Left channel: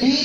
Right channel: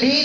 3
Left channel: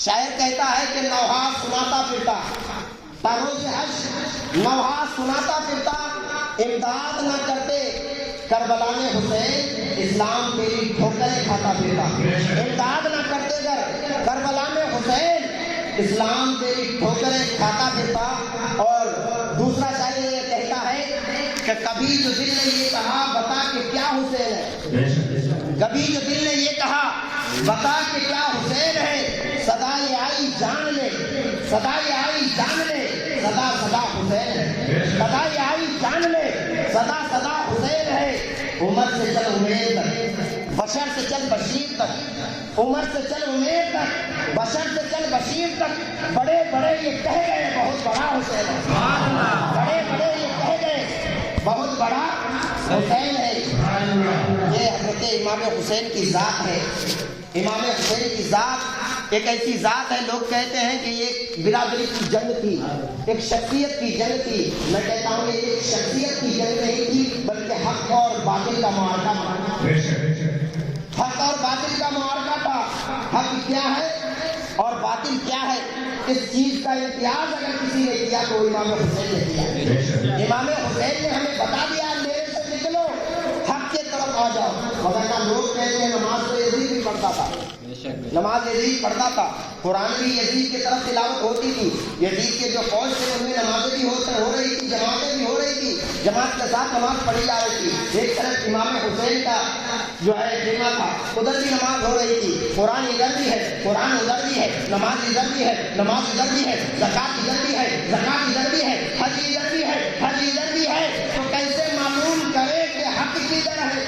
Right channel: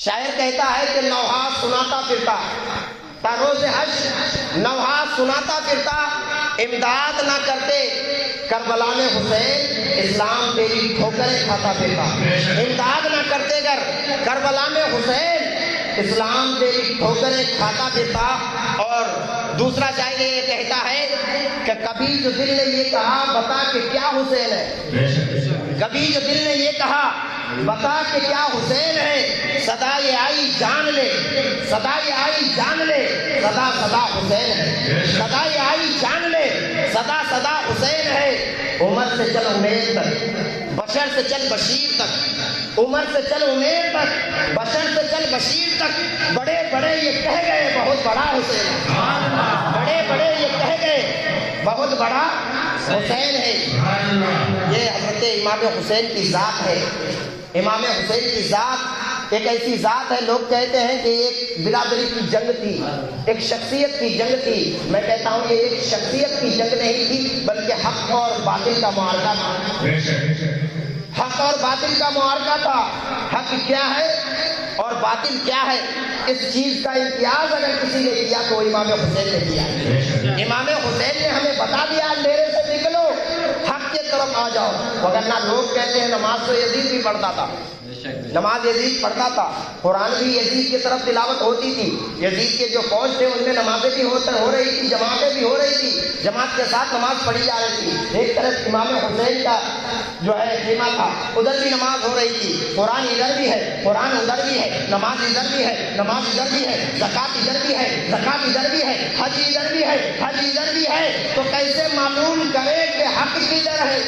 شاعر کہتا ہے کہ نوحات سناتا پھرتا تاروز حج، نوحات سناتا پھرتا امداد نہ کرتے کربلا میں حسین، اسلام تیری ٹھوکریں کھاتا پھرتا، امداد نہ کرتے گر کربلا میں حسین، اسلام تیری ٹھوکریں کھاتا پھرتا۔ اور دوسرا شاعر یہ کہتا ہے کہ کبھی جو دل نے یہ کہا بتا کہ کیا حسین ہے، کبھی جو دل نے یہ کہا بتا کہ کیا حسین ہے، صدا یہ آئی جان لے، صدا یہ آئی جان لے، صدا صدا حسین ہے، صدا یہ آئی جان لے، صدا صدا حسین ہے۔ عمر سے چل امید تک، بشر سے چل بشیر تک، عمر سے چل امید تک، بشر سے چل بشیر تک، بڑے بڑے یہ کہہ گئے بہت بڑا حسین ہے، بڑے بڑے یہ کہہ گئے بہت بڑا حسین ہے۔ یہ حضرت امام حسین کی ذات ہے۔ امام حسین کی ذات ایک ایسی ذات ہے، لوگ کہتے ہیں کہ یہ ایک برادری کی جنگ تھی، ایک شخصیت کی جنگ تھی۔ میں کہتا ہوں یہ ایک شخصیت کی جنگ نہیں تھی بلکہ حق اور باطل کا معرکہ تھا، حق اور باطل کا معرکہ تھا۔ حق کیا ہے اور باطل کیا ہے، اس چیز کا امتیاز اگر کسی نے کیا تو امام حسین نے کیا۔ امام حسین نے ہمیں بتا دیا اندھیرے سے نکلو، حق کے طرف آ جاؤ۔ وگرنہ لوگ کہتے ہیں نماز تو یزید بھی پڑھتا تھا، نماز یزید پڑھتا تھا، قرآن بھی یزید کی طرف تلاوت ہوتی تھی، یزید کے جو فوج تھے ان میں نمازیں بھی ہو رہی تھی، جماعتیں بھی ہو رہی تھی، جماعت کے ساتھ نماز پڑھی جا رہی تھی۔ ایک طرف امام حسین کا جو ہے خیمہ تھا، ادھر بھی نماز ہو رہی تھی، قرآن ادھر بھی ہے، قرآن ادھر بھی ہے، نماز ادھر بھی ہے، نماز ادھر بھی ہے، زکات ادھر بھی ہے، زکات ادھر بھی ہے، حج ادھر بھی ہے، حج ادھر بھی ہے۔ تو کیسے معلوم کرے کہ حق کدھر ہے،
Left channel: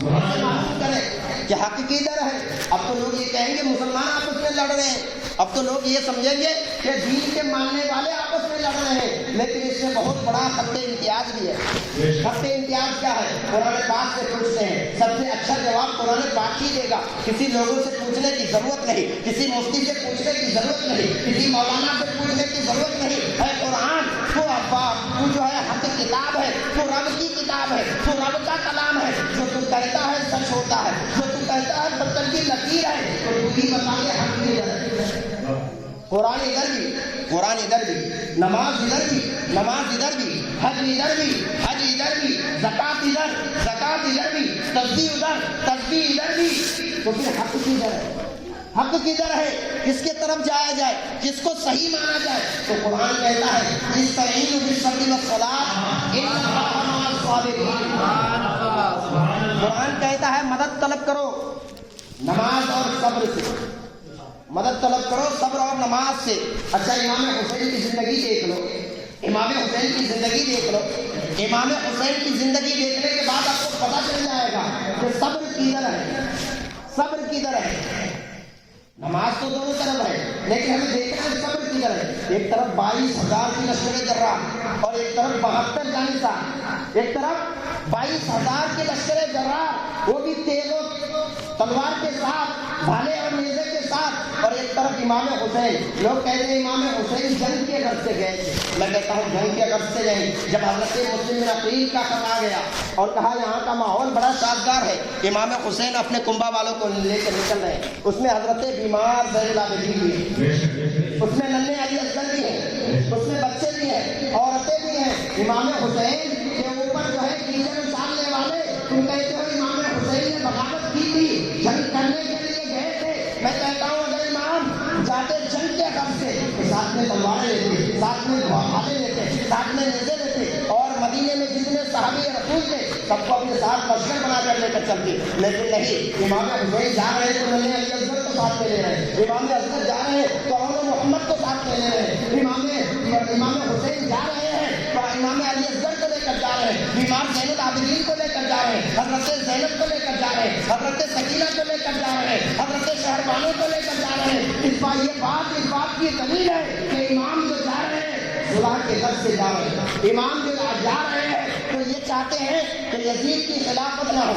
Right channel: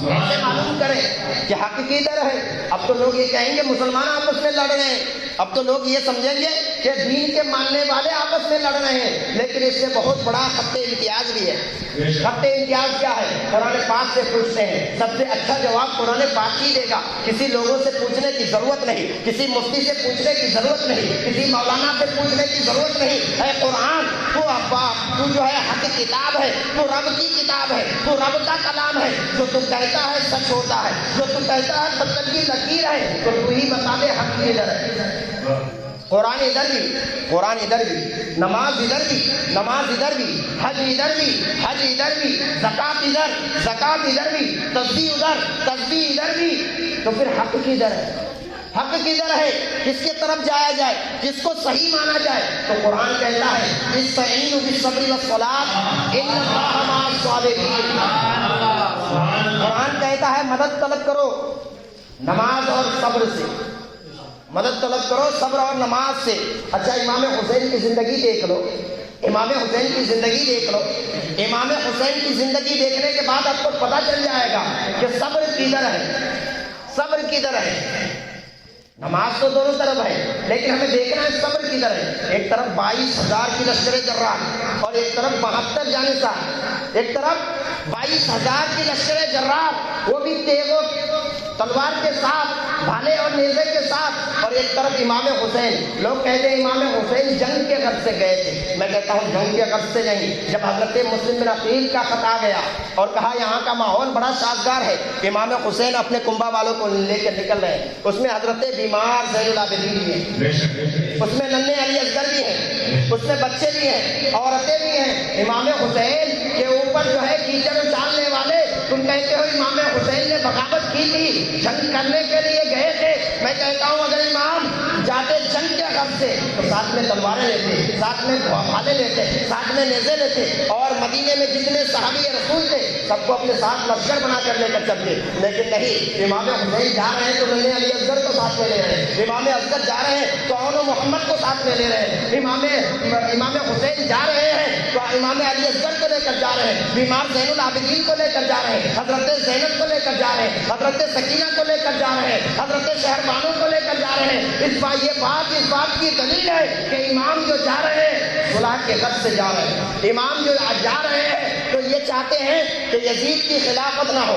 کیسے معلوم کرے کہ حق کدھر ہے؟ اب تو لوگ یہ کہیں گے مسلمان آپس میں لڑ رہے ہیں، اب تو لوگ یہ سمجھیں گے کہ دین کے ماننے والے آپس میں لڑ رہے ہیں، لیکن اس سے بہت بڑا خط امتیاز بھی ہے۔ خط امتیاز کیا ہے؟ قرآن پاک سے پوچھتے ہیں، سب سے اچھا جواب قرآن پاک ہی دے گا۔ کسی لوگوں سے پوچھنے کی ضرورت نہیں، کسی مفتی سے پوچھنے کی ضرورت نہیں، کسی مولانا سے پوچھنے کی ضرورت نہیں ہے۔ قرآن تو جو ہے حق کتاب ہے، تو رب کی کتاب ہے، تو رب کا کلام ہے، جو تو کہتا ہے سچ ہوتا ہے، جو تو کہتا ہے سچ کی لکیر ہے، تو تو ہی بتا دے حق ادھر ہے۔ قرآن ادھر بھی، قرآن ادھر بھی، نماز ادھر بھی، نماز ادھر بھی، حج ادھر بھی، حج ادھر بھی، زکات ادھر، زکات ادھر بھی، تسبیح ادھر، تسبیح ادھر بھی، تو پھر حق کدھر ہے؟ حق کدھر ہے؟ کس کی طرف جایا جائے، کس کو صحیح مانا جائے؟ تو قرآن کہتا ہے استعینوا بالصبر والصلاۃ ان اللہ مع الصابرین۔ قرآن کہتا ہے مدد طلب کرو نماز اور صبر سے، مدد طلب کرو صبر اور نماز سے۔ اچھا امام حسین کی زندگی دیکھ لو، امام حسین کی زندگی دیکھ لو، امام حسین کی زندگی دیکھنے کے بعد آپ کو پتہ چل جائے گا کہ صبر کدھر ہے، صبر کدھر ہے۔ نماز تو دونوں طرف ہے، لیکن ہمیں دیکھنا ہے صبر کدھر ہے۔ ایک طرف 22,000 کی لشکر جراح اور ایک طرف 72 جانصار، ایک طرف 22,000 کی لشکر جراح، وہ بھی تیز و تلوار کے ساتھ، بھالے اور نیزے کے ساتھ، اور ایک طرف امام حسین۔ لوگ کہتے ہیں امام حسین جنگ کے غرض سے گئے تھے، میں کہتا ہوں جنگ کے غرض سے نہیں۔ جب حضرت مسلم بن عقیل کا خط آ گیا اور کہا یہاں کا ماحول بڑا شاندار ہے، امام حسین اپنے کنبہ والوں کو لے کے نکل رہے ہیں، اس میں حضرت بیمار زین العابدین بھی ہیں، اس میں ننھے علی اصغر بھی ہیں، اس میں بچے بھی ہیں، عورتیں بھی ہیں۔ امام حسین کے اوپر جو ہے کیچڑ ڈالنے والے، تم کہتے ہو امام حسین نے بغاوت کی تھی، جنگ کرنے کے لیے گئے تھے۔ میں کہتا ہوں اگر امام جاتے جنگ کے غرض سے تو ساتھ میں تلواریں لیتے، ساتھ میں بھالے لیتے، ساتھ میں نیزے لیتے، اور مدینے میں جتنے صحابی رسول تھے سب کو اپنے ساتھ لشکر بنا کر لے کر چلتے، لیکن نہیں، امام حسین جا رہے ہیں تو ننھے علی اصغر کو ساتھ میں لے رہے ہیں، امام اصغر جا رہے ہیں تو اول محمد کو ساتھ میں لے رہے ہیں، امام حسین جا رہے ہیں تو امام علی اصغر کو لے کر جا رہے ہیں، بیمار زین العابدین کو لے کر جا رہے ہیں، حضرت زینب کو لے کر جا رہے ہیں، حضرت سکینہ کو لے کر جا رہے ہیں، حضرت شہربانو کو لے کر جا رہے ہیں۔ اس بات کی دلیل ہے کہ امام جو جا رہے ہیں صلاح کے غرض سے جا رہے ہیں، امام جو جا رہے ہیں تو یہ چاہتے ہیں کہ یزید کی خلافت نہ ہو،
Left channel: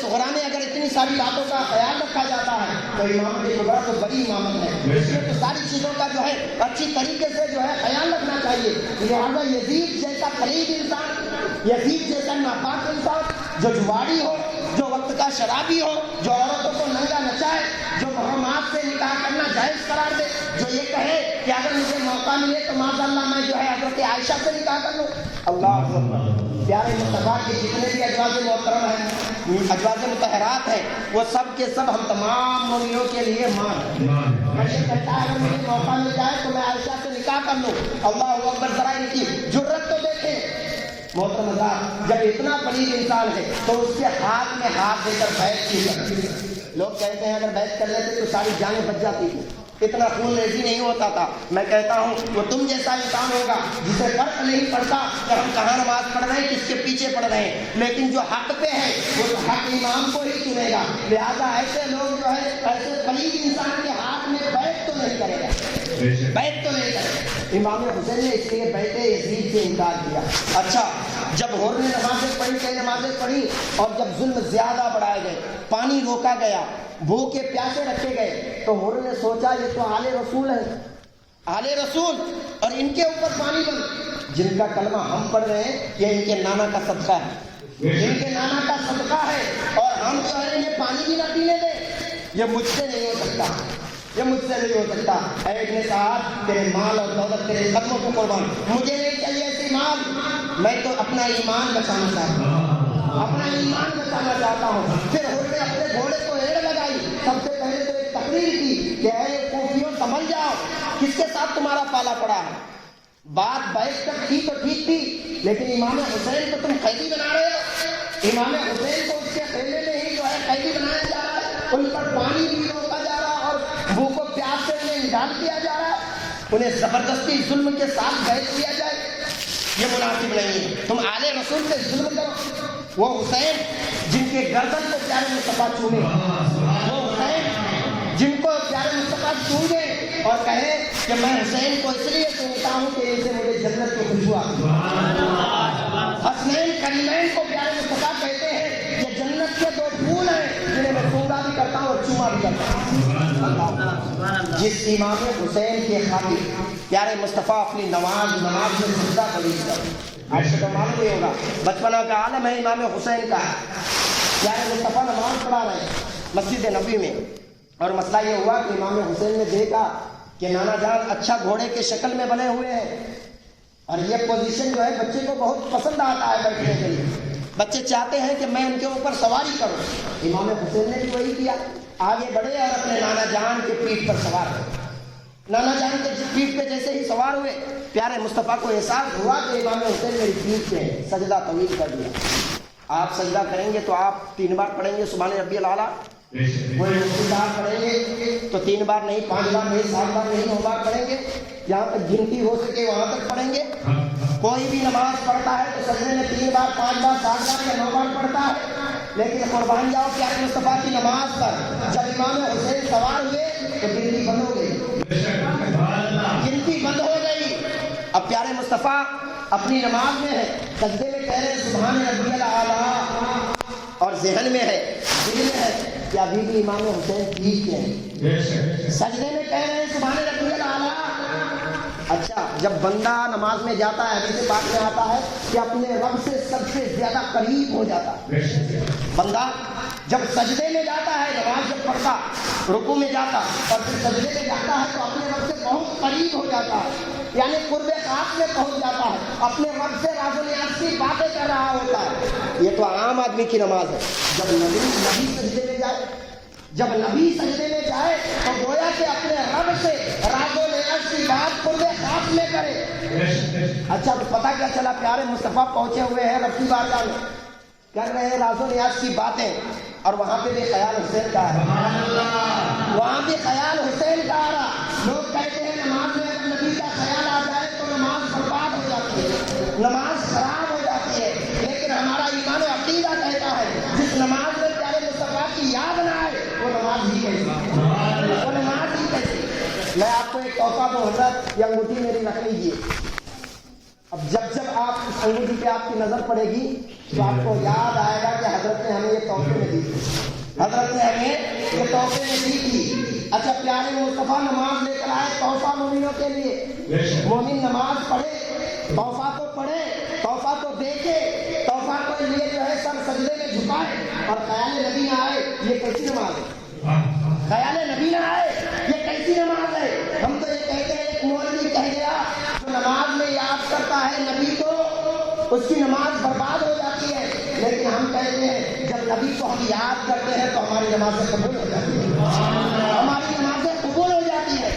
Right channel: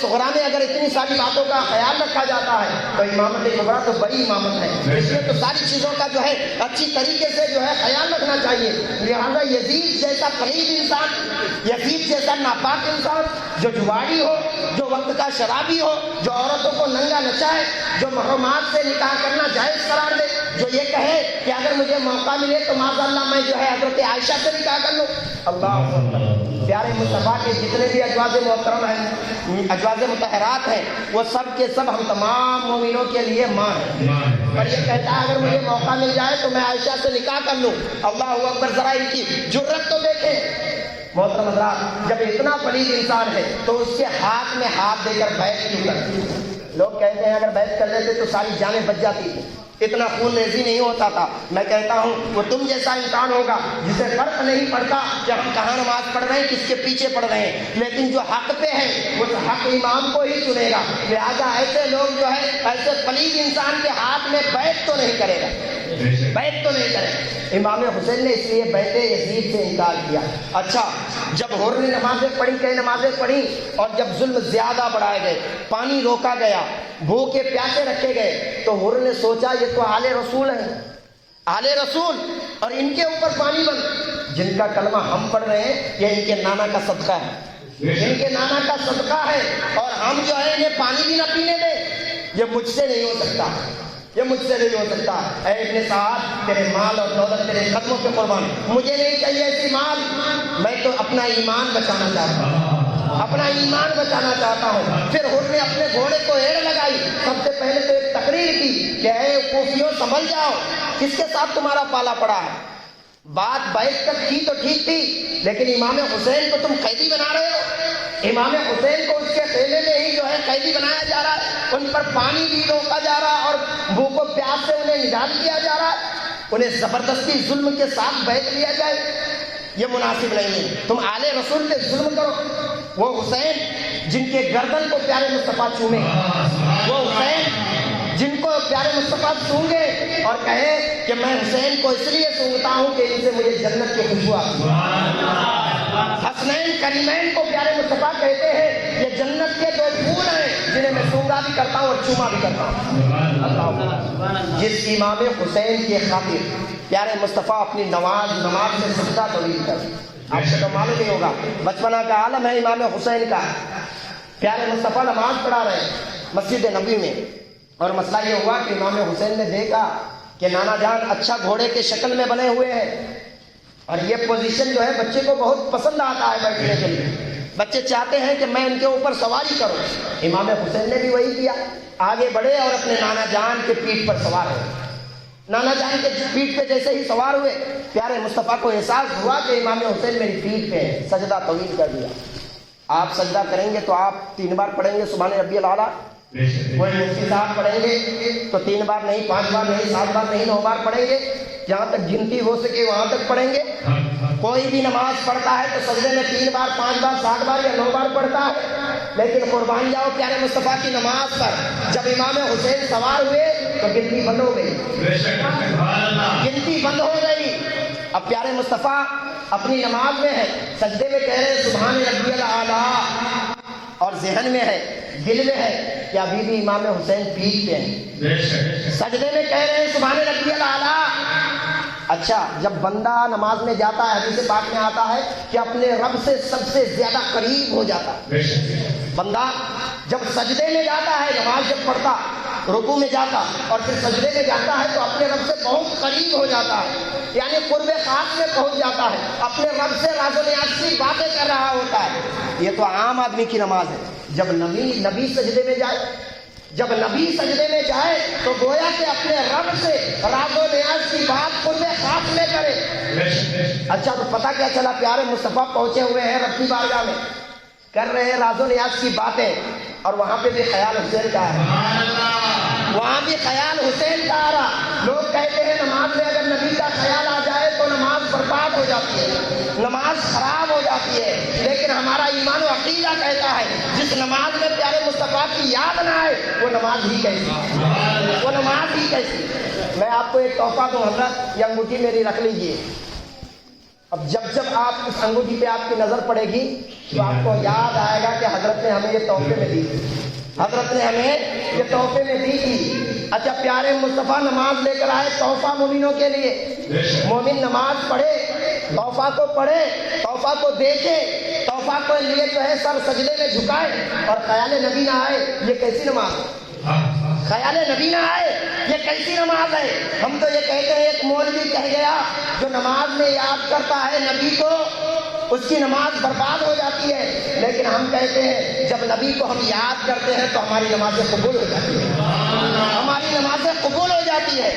صغرا میں اگر اتنی ساری باتوں کا خیال رکھا جاتا ہے تو امامت کبریٰ تو بڑی امامت ہے، اس لیے تو ساری چیزوں کا جو ہے اچھی طریقے سے جو ہے خیال رکھنا چاہیے۔ لہٰذا یزید جیسا قریب انسان، یزید جیسا ناپاک انسان، جو جواڑی ہو، جو وقت کا شرابی ہو، جو عورتوں کو ننگا نچائے، جو محرمات سے نکاح کرنا جائز قرار دے، جو یہ کہے کہ اگر مجھے موقع ملے تو معاذ اللہ میں جو ہے حضرت عائشہ سے نکاح کر لوں۔ اللہ اکبر۔ پیارے مصطفیٰ کے جتنے بھی ازواج محترم ہیں، ازواج مطہرات ہیں، وہ سب کے سب ہم تمام مومنوں کے لیے ماں ہیں۔ اور یہ کہتا ہے اگر مجھے موقع مل جائے تو میں عائشہ سے نکاح کر لوں۔ اللہ اکبر، ذرا ان کی جرت تو دیکھیں۔ محترم حضرات، جب اتنا پلید انسان ہے تو اس کے ہاتھ میں ہاتھ دے کر بیعت کیوں کرتے؟ لوگ کہتے ہیں اگر بیعت کر لیتے تو ساری جانیں بچ جاتی تھی، اتنا خون ریزی نہیں ہوتا تھا۔ میں کہتا ہوں وہ تم جیسا انسان ہوگا جسے فرق نہیں پڑتا کہ ہم کہاں نماز پڑھ رہے ہیں، کس کے پیچھے پڑھ رہے ہیں، لیکن جو حق پہ ہے وہ تو حق امام کو ہی چنے گا۔ لہٰذا ایسے لوگ جو ہے ایسے پلید انسان کے ہاتھ میں بیعت تو نہیں کرے گا، بیعت تو نہیں کرے گا۔ امام حسین نے اس لیے بیعت یزید سے انکار کیا۔ اچھا، جب حر نے نمازیں پڑھی، کئی نمازیں پڑھی، اور جب ظلم زیادہ بڑھائے گئے، پانی روکا گیا، بھوکے پیاسے رکھے گئے، تو حر نے سوچا یہ تو آل رسول ہیں، آل رسول، اور ان کے اوپر پانی بند، جن کا کلمہ ہم پڑھ رہے ہیں یہ ان کے نانا کا صدقہ ہے، ان کے نانا کا صدقہ ہے، اور ہم جو ہے انہیں پانی بھی نہ پینے دیں، یہ مجھ سے نہیں ہو سکتا، یہ مجھ سے نہیں ہو سکتا۔ اے ابن سعد، تیرے مال اور دولت تیرے قدموں پہ قربان، مجھے نہیں چاہیے ایسی مال، میں تو اپنا ایمان بچانا چاہتا ہوں، اپنا ایمان بچانا چاہتا ہوں۔ پھر حر نے اپنے گھوڑے کو ایڑ لگائی، سب سے پہلے تو ایک تقریر کی کہ اے کوفیوں سمجھ جاؤ کس کے ساتھ تمہارا پالا پڑا ہے۔ بات بیعت تک کی تو ٹھیک تھی، لیکن امام حسین کو تم قیدی بنا رہے ہو، امام حسین کو اس کے خیمے میں ہی جو ہے قیدی بنایا جا رہا ہے، ان پر پانی بھی روکا جا رہا ہے اور بھوک و پیاس سے انہیں نجات دیا جا رہا ہے، انہیں زبردستی ظلم کے ساتھ بیعت دیا جائے، یہ مناسب نہیں ہے۔ تم آل رسول پہ ظلم کرو۔ وہ حسین جن کے گردن کو پیارے مصطفیٰ چومے، وہ حسین جن کو پیارے مصطفیٰ چومے اور کہے کہ میں حسین کو اس لیے چومتا ہوں کہ ان سے مجھے جنت کی خوشبو آتی ہے۔ حسنین کریمین کو پیارے مصطفیٰ کہتے ہیں یہ جنت کے دو پھول ہیں جنہیں میں سونگا بھی کرتا ہوں اور چوما بھی کرتا ہوں۔ اللہ، جس امام حسین کی خاطر پیارے مصطفیٰ اپنی نماز میں سجدہ طویل کرے، آپ کو تو معلوم نہیں ہوگا، بچپنا کا عالم ہے امام حسین کا۔ پیارے مصطفیٰ نماز پڑھا رہے مسجد نبی میں، اور مسئلہ یہ ہوا کہ امام حسین نے دیکھا کہ نانا جان اچھا گھوڑے کے شکل میں بنے ہوئے ہیں، اور یہ پوزیشن جو ہے بچے کو بہت پسند آتا ہے بیٹھنے کے لیے، بچے چاہتے ہیں کہ میں ان کے اوپر سواری کروں۔ امام حسین نے بھی وہی کیا، آگے بڑھے اور اپنے نانا جان کے پیٹھ پر سوار ہوئے۔ نانا جان کے پیٹھ پہ جیسے ہی سوار ہوئے، پیارے مصطفیٰ کو احساس ہوا کہ امام حسین میری پیٹھ پہ ہے، سجدہ طویل کر دیا۔ آپ سجدہ کریں گے تو آپ 3 بار پڑھیں گے سبحان ربی الاعلیٰ، کوئی مفتی صاحب پڑھیں گے تو 3 بار نہیں، 5 بار نہیں، 7 بار نہیں، 9 بار پڑھیں گے، جہاں تک گنتی ہو سکے وہاں تک پڑھیں گے۔ کوئی بھی نماز پڑھتا ہے تو سجدے میں 3 بار، 5 بار، 7 بار یا 9 بار پڑھتا ہے، لیکن قربان جاؤ پیارے مصطفیٰ کی نماز پر جب امام حسین سوار ہوئے تو گنتی بند ہو گئی، گنتی بند ہو گئی۔ اب پیارے مصطفیٰ اپنی نماز میں ہے، سجدے میں کہہ رہے سبحان ربی الاعلیٰ، اور ذہن میں ہے، دل میں ہے کہ ابھی بھی امام حسین پیٹھ پہ ہیں، سجدے میں کہہ رہے ہیں سبحان ربی الاعلیٰ۔ اچھا، جب بندہ نماز میں جاتا ہے، حدیث پاک میں آتا ہے کہ اپنے رب سے سب سے زیادہ قریب ہو جاتا ہے۔ بندہ جب سجدے میں جاتا ہے، نماز جب پڑھتا، رکوع میں جاتا اور پھر سجدے میں جاتا ہے تو اپنے رب سے بہت قریب ہو جاتا ہے، یعنی قرب خاص میں پہنچ جاتا ہے، اپنے رب سے راز و نیاز کی باتیں کر رہا ہوتا ہے۔ یہ تو عام آدمی کی نماز ہے۔ جب نبی سجدے میں جائے، جب نبی سجدے میں جائے تو گویا کہ اپنے رب سے راز و نیاز کی بات قرب خاص میں کرے۔ اچھا، تو پتہ کیا چلا؟ پیارے مصطفیٰ پہنچے ہوئے ہیں رب کی بارگاہ میں، کر رہے ہیں راز و نیاز کی باتیں، اور وہاں پہ بھی خیال حسین کا ہے، وہاں بھی خیال حسین کا آ رہا۔ لوگ کہتے ہیں نماز میں اگر نبی کا خیال آ جائے تو نماز برباد ہو جاتی ہے، نماز خراب ہو جاتی ہے، لیکن ہمارا ایمان و عقیدہ کہتا ہے جس نماز میں پیارے مصطفیٰ کی یاد نہ آئے وہ نماز ہی کیسی، وہ نماز ہی کیسی۔ میں آپ کو ایک تحفہ دوں حضرت، یہ انگوٹھی میری رکھ لیجیے، اب جب آپ اس انگوٹھی پہ آپ کی نظر پڑے گی تو آپ کو یاد آئے گا کہ حضرت نے ہمیں یہ تحفے میں دی تھی، حضرت نے ہمیں یہ تحفے میں دی تھی۔ اچھا پیارے مصطفیٰ نماز لے کر آئے تحفہ مومنوں کے لیے، مومن نماز پڑھے، تحفہ کو پڑھے، تحفہ کو دیکھے، تحفہ کو لیے جو ہے سر سجدے میں جھکائے، اور خیال نبی نہ آئے یہ کیسی نماز ہے؟ خیال نبی نہ آئے یہ کیسی نماز ہے؟ ہم تو یہ کہتے ہیں ایک مولوی کہہ گیا جو نماز میں یاد کرتا ہے نبی کو اس کی نماز برباد ہو جاتی ہے، لیکن ہم کہتے ہیں جب نبی کو ہم یاد کرتے ہیں تو ہماری نمازیں قبول ہو جاتی ہیں، ہماری نمازیں قبول ہو جاتی ہے۔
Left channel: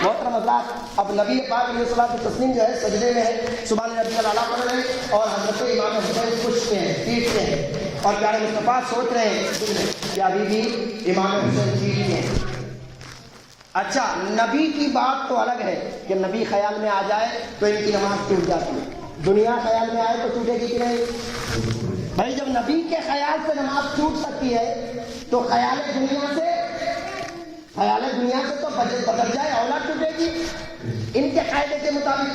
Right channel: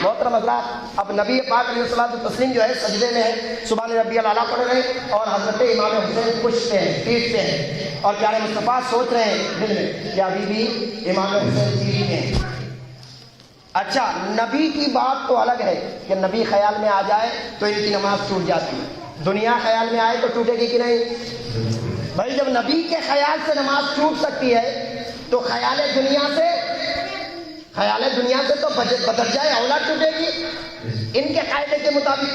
محترم حضرات، اب نبی پاک علیہ الصلوۃ والتسلیم جو ہے سجدے میں ہے، سبحان ربی الاعلیٰ پڑھ رہے ہیں، اور حضرت امام حسین پوچھتے ہیں، پیٹتے ہیں، اور پیارے مصطفیٰ سوچ رہے ہیں دل میں کہ ابھی بھی امام حسین جیوی ہیں۔ اچھا نبی کی بات تو الگ ہے کہ نبی خیال میں آ جائے تو ان کی نماز ٹوٹ جاتی ہے، دنیا خیال میں آئے تو ٹوٹے گی کہ نہیں؟ بھائی جب نبی کے خیال سے نماز ٹوٹ سکتی ہے تو خیال دنیا سے تو بدل جائے اولا ٹوٹے گی ان کے قاعدے کے مطابق۔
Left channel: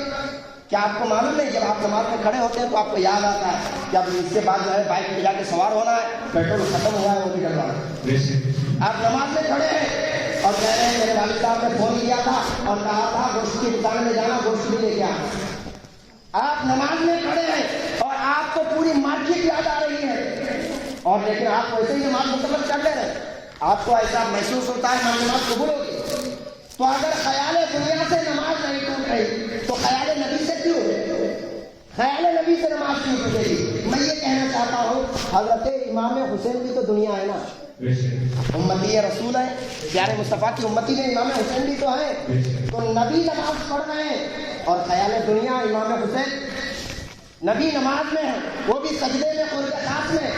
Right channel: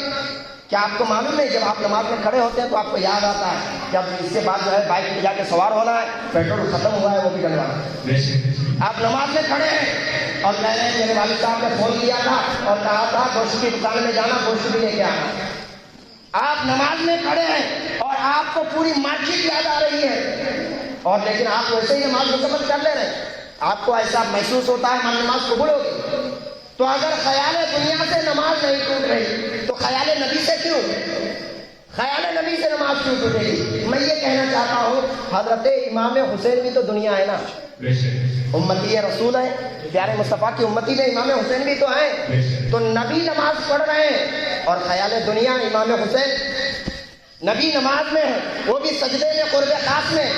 کیا آپ کو معلوم ہے جب آپ نماز میں کھڑے ہوتے ہیں تو آپ کو یاد آتا ہے کہ اب اس کے بعد جو ہے بائک پہ جا کے سوار ہونا ہے، پیٹرول ختم ہوا ہے وہ بھی ڈلوانا ہے۔ آپ نماز میں کھڑے ہیں اور میں نے میرے والد صاحب نے فون کیا تھا اور کہا تھا گوشت کی دکان میں جانا، گوشت بھی لے کے آنا۔ آپ نماز میں کھڑے ہیں اور آپ کو پوری مارکیٹ یاد آ رہی ہے، اور لیکن آپ ویسے ہی نماز مکمل کر لے رہے، آپ کو ایسا محسوس ہوتا ہے نماز قبول ہوگی۔ تو اگر خیال دنیا سے نماز نہیں ٹوٹ رہی تو خیال نبی سے کیوں؟ خیال نبی سے نماز کیوں ٹوٹے گی؟ میں یہ کہنا چاہتا ہوں حضرت امام حسین بھی تو دنیا ہے نا، امتی رسول ہے، پیارے مصطفیٰ کی امتی میں امام حسین بھی تو ہیں، تو نبی نماز پڑھ رہے ہیں اور خیال دنیا امام حسین، نبی نماز میں ہے وہ بھی سجدے میں قرب خاص میں،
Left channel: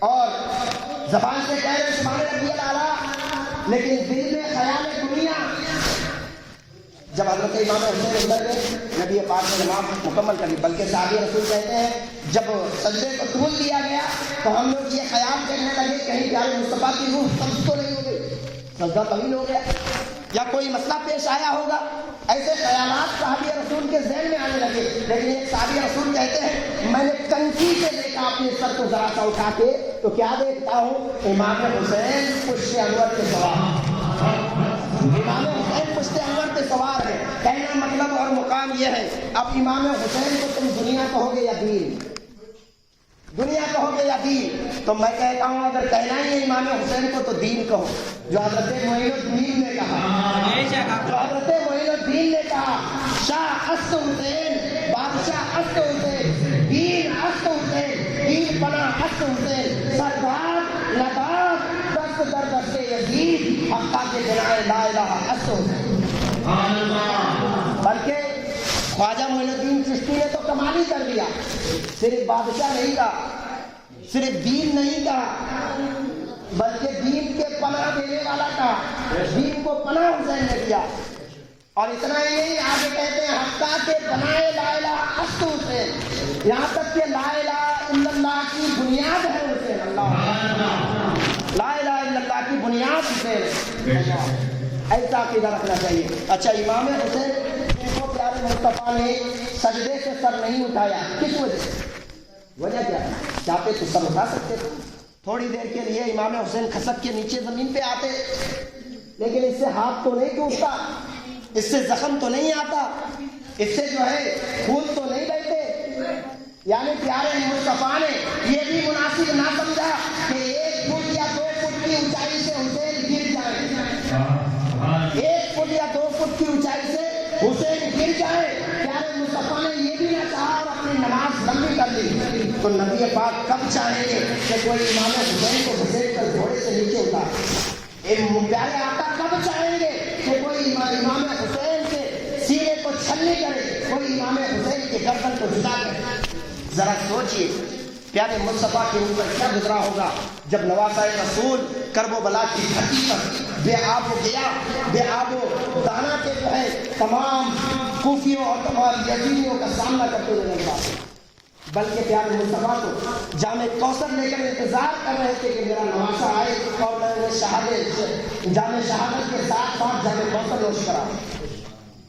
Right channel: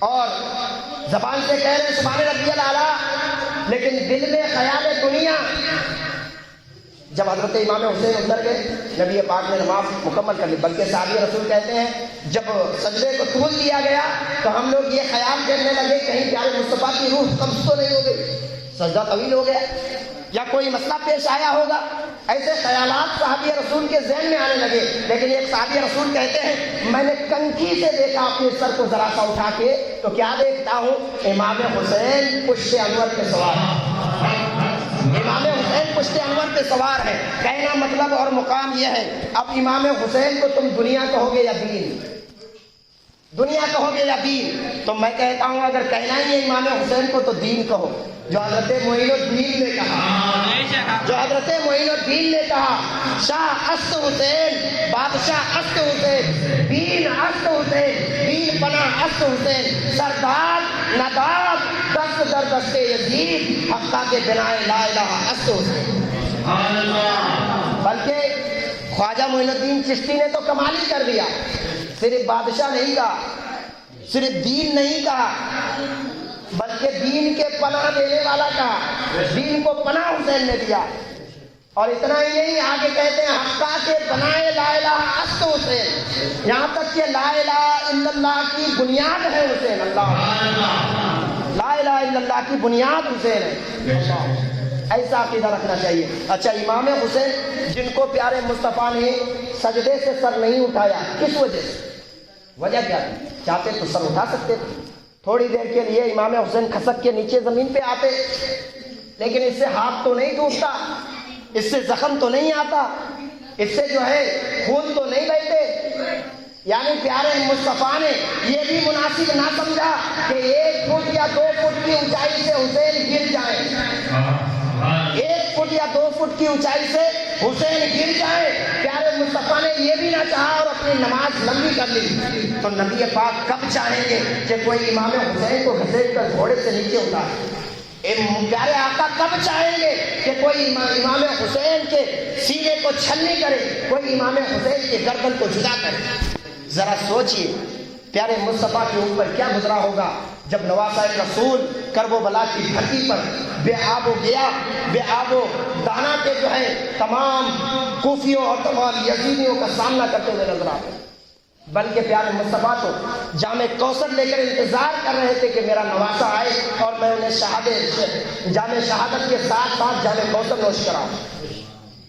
اور زبان سے کہہ رہے سبحان ربی الاعلیٰ، لیکن دل میں خیال دنیا۔ جب حضرت امام حسین اندر گئے نبی پاک نے نماز مکمل کر لی، بلکہ صحابی رسول کہتے ہیں جب سجدے کو طول دیا گیا تو ہم لوگ یہ خیال کرنے لگے کہیں پیارے مصطفیٰ کی روح قبض تو نہیں ہو گئی، سجدہ طویل ہو گیا یا کوئی مسئلہ پیش آیا ہوگا، ایسے خیالات صحابی رسول کے ذہن میں آنے لگے۔ لیکن ایک صحابی رسول کہتے ہیں میں نے کنکی سے دیکھا اپنے سر کو ذرا سا اٹھا کے تو کیا دیکھتا ہوں؟ امام حسین پشت انور پہ سوار، امام حسین پشت انور پہ سوار ہے۔ کہنا مطلب اور مقام یہ ہے اب امام حسین کو تم دنیا کہو گے یا دین، دنیا کہو گے یا دین؟ تو میں کہتا ہوں اگر کہنا ہی ہے امام حسین کو تو دین کہو، جو حضرت معین الدین نے کہا، جو حضرت معین الدین نے کہا شاہ است حسین، بادشاہ است حسین، دین است حسین، دین پناہ است حسین، سردار نداب دست در دست یزید، حقا کے جنائے لا الہ است حسین۔ بلکہ خواجہ معین الدین چشتی نے تو کمال ہی کر دیا، صرف بادشاہ نہیں کہا، صرف دین نہیں کہا، بلکہ دین کے پناہ دینے والا کہا، دین کو پناہ حسین نے دیا۔ اور اتنا ہی نہیں، آگے کہتے ہیں حقا کے بنائے لا الہ است حسین، یہاں تک کہ لا الہ الا اللہ کی بنیاد ہے حسین، اللہ لا الہ الا اللہ کی بنیاد حسین ہے۔ ایسا عقیدہ رکھنا چاہیے۔ اچھا امام حسین جن کو پیارے مصطفیٰ نے سجدے سے سر نہیں اٹھایا، کس وجہ سے؟ وجہ کیا تھی؟ چاہتے تو سر اٹھا سکتے، تھوڑی دیر کے لیے امام حسین کھسک کے نیچے زمین پہ آتے، لیکن اس سے ہاتھ تو نہیں ٹوٹتا، اس سے زخم تو نہیں آتا، اس سے جو ہے خون تو نہیں بہتے۔ یعنی پیارے مصطفیٰ نے یہ بھی مناسب نہ سمجھا کہ 1 فٹ یا 2 فٹ کی اونچائی سے حسین گر جائے، 1 فٹ یا 2 فٹ کی اونچائی سے حسین گر جائے۔ پیارے مصطفیٰ نے یہ بھی نہ چاہا اور اپنی نماز لمبی کر لی۔ تو نبی پاک کب چاہیں گے کہ کوئی امام حسین کو گھسیٹ کر گھوڑے سے نیچے اتارے؟ پیارے آقا کب چاہیں گے کہ کوئی امام حسین کے سینے کو چھلنی کرے، کوئی امام حسین کے گردن کو جدا کرے؟ ذرا سوچئے پیارے مصطفیٰ کے اوپر کیا گزرا ہوگا جب نواسۂ رسول کرب و بلا کی دھرتی پر بے آب و گیا، بے آب و دانا کے جو ہے تمام کوفیوں اور تمام یزیدیوں کا سامنا کرتے ہوئے نظر آتے، بلکہ پیارے مصطفیٰ تو جامع کوثر لے کر انتظار کر رہے تھے کہ میرا نواسا آئے اور میں انہیں جامع شہادت کے ساتھ ساتھ جامع کوثر نوش کراؤں۔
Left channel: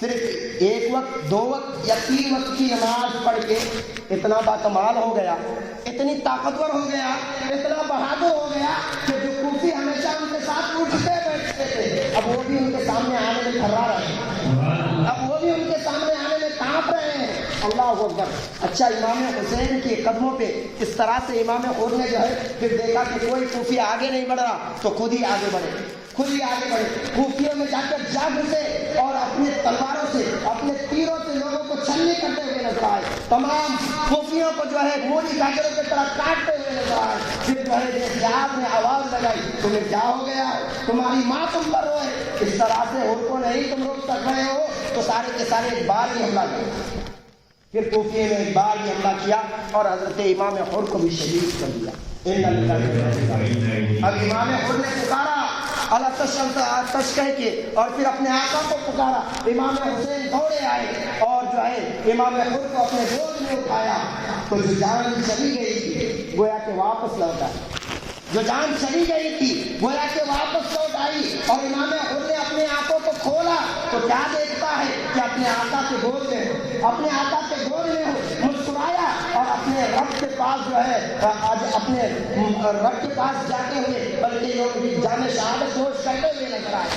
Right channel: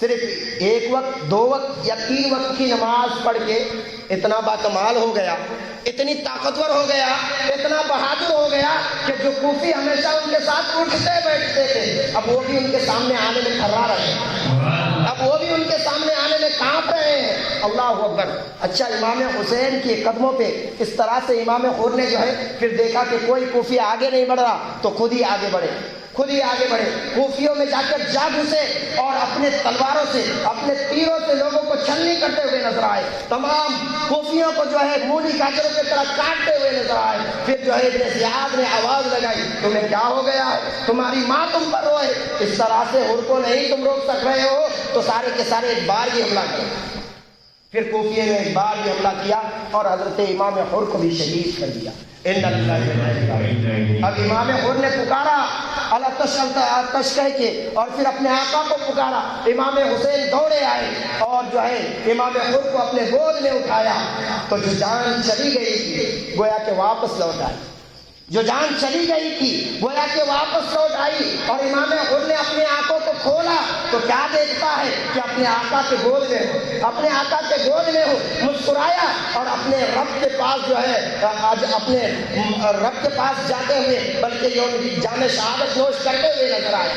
صرف ایک وقت 2 وقت یا 3 وقت کی نماز پڑھ کے اتنا باکمال ہو گیا، اتنی طاقتور ہو گیا، اتنا بہادر ہو گیا کہ جو کوفی ہمیشہ ان کے ساتھ اٹھتے بیٹھتے تھے اب وہ بھی ان کے سامنے آنے میں تھرا رہے ہیں، اب وہ بھی ان کے سامنے آنے میں کانپ رہے ہیں۔ اللہ اکبر۔ اچھا، امام حسین کے قدموں پہ اس طرح سے امام حور نے جو ہے پھر دیکھا کہ کوئی کوفی آگے نہیں بڑھ رہا تو خود ہی آگے بڑھے، خود ہی آگے بڑھے، کوفیوں میں جا کر جا گھسے اور اپنے تلواروں سے اپنے تیروں سے لوگوں کو چھلنی کرتے ہوئے نظر آئے، تمام کوفیوں کو جو ہے مولی گاجروں کی طرح کاٹتے ہوئے نظر آئے۔ پھر جو ہے ابن زیاد نے آواز لگائی، تمہیں کیا ہو گیا ہے؟ تمہاری ماں تم پر روئے، اس طرح سے حور کو نہیں تم روک سک رہے ہو تو سارے کے سارے ایک بار ہی حملہ کیا۔ پھر کوفیے نے ایک بار ہی حملہ کیا اور حضرت امام حور کو بھی شہید کر دیا۔ اب امام حور نے پکارا آتش کہہ کے اور پھر اپنے آقا کو پکارا، امام حسین دوڑے آئے اور جو ہے امام حور کو اپنے گود میں اٹھایا تو جو جان چلی گئی تھی گویا کہ واپس لوٹ آئی، جو جان چلی گئی تھی گویا کہ واپس لوٹ آئی۔ اور امام حور نے اپنے آنکھوں کو کھولا تو کیا دیکھتا ہے کہ اپنے آقا کے گود میں ہو، اپنے آقا کے گود میں ہو، مسکرایا اور اپنے رب کے پاس جو ہے آج اپنے رب کے پاس جاتے ہوئے بلکہ جان شہادت جوش کرتے ہوئے نظر آئے۔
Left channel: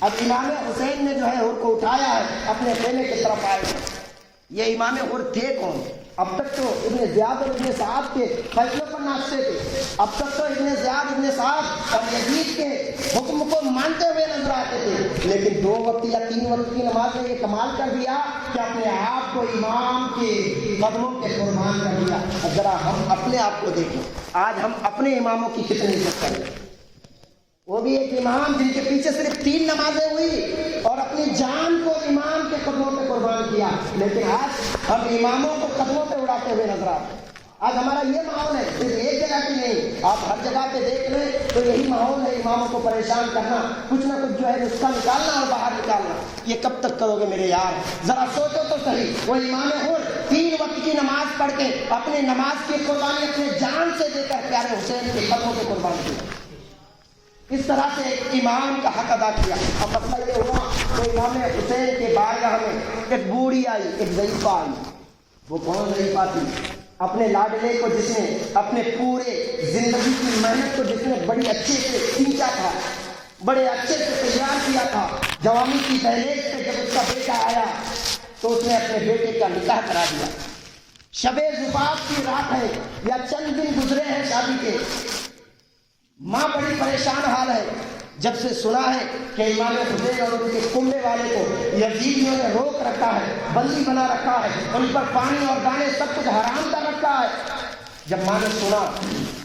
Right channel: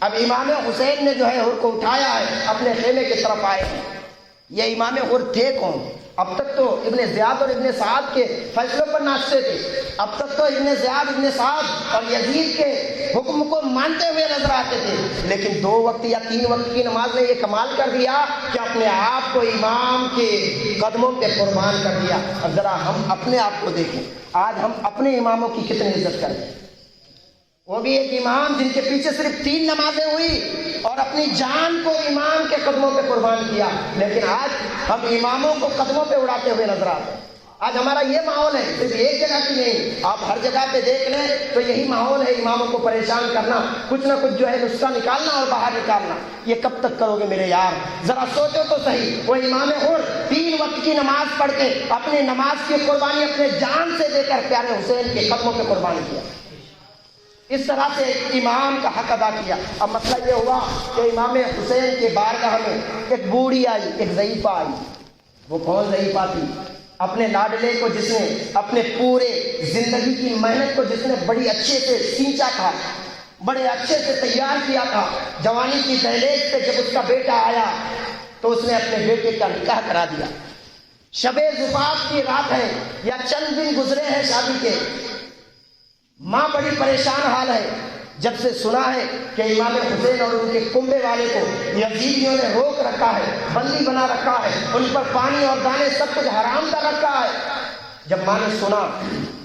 اب امام حسین نے جو ہے حور کو اٹھایا ہے، اپنے خیمے کی طرف آئے۔ یہ امام حور تھے کون؟ اب تک تو ابن زیاد اور ابن سعد کے فیصلوں پر ناچتے تھے، اب تک تو ابن زیاد، ابن سعد اور یزید کے حکم کو مانتے ہوئے نظر آتے تھے، لیکن 2 وقت یا 3 وقت کی نماز نے یہ کمال کر دیا کہ اپنے آپ کو امام کے قدموں پہ قربان کر دیا۔ اب ذرا ہم اپنے آپ کو دیکھیں، آج ہم اپنے اماموں کی کتنی عزت کریں، وہ بھی ایک امام جن کے پیچھے صرف 3 نمازیں ہوئی اور اپنی جان کو امام کے قدموں پہ قربان کیا، لیکن آج ہم اماموں کو قدموں پہ اڑاتے ہوئے نظر آتے ہیں۔ آج ہمارا یہ ماحول ہے، صرف ایک جگہ کی نہیں، آپ ہر جگہ پہ دیکھ لیں تو یہی ماحول ہے، اماموں کو پریشان کرنا، کچھ نہ کچھ جو ہے نسخہ نکالنا اور باہر نکالنا۔ یہ کب تک کرو گے میرے یار؟ ذرا سوچو تو صحیح، وہ امام حور 3 وقت کی نماز پڑھ کے اپنے نماز کی قربانی اپنے جان سے دے کر پیارے حسین کے قدموں پہ قربان کیا، اس طرح سے ایک امام کا حق ادا کیا۔ اب مسئلہ یہ ہوا کہ امام حسین کے بارگاہ میں ایک بوڑھی آئی، ایک ضعیفہ آئی۔ وہ کون ضعیفہ تھی؟ اپنے لاڈلے کو جس نے اپنے پورے زندگی کی محنت کو جس نے بڑی اچھے سے سینچا تھا، بڑے اچھے سے تیار کیا تھا، جوانی کی دہلیز پہ جب اس کا بیٹا آیا تو اس نے اپنے بیٹے کا نکاح کرا دیا۔ شب زفاف کی رات ہے یا چند دن گزرے ہیں شادی کے، ماں بڑی پریشان حال ہے جب سے سنا ہے کہ امام حسین اور ان کے کنبے والے کو یزیدیوں نے روک رکھا ہے، بندی بنا رکھا ہے، ان پر پانی اور دانے سب کچھ حرام کر رکھا ہے۔ جب ماں نے سنا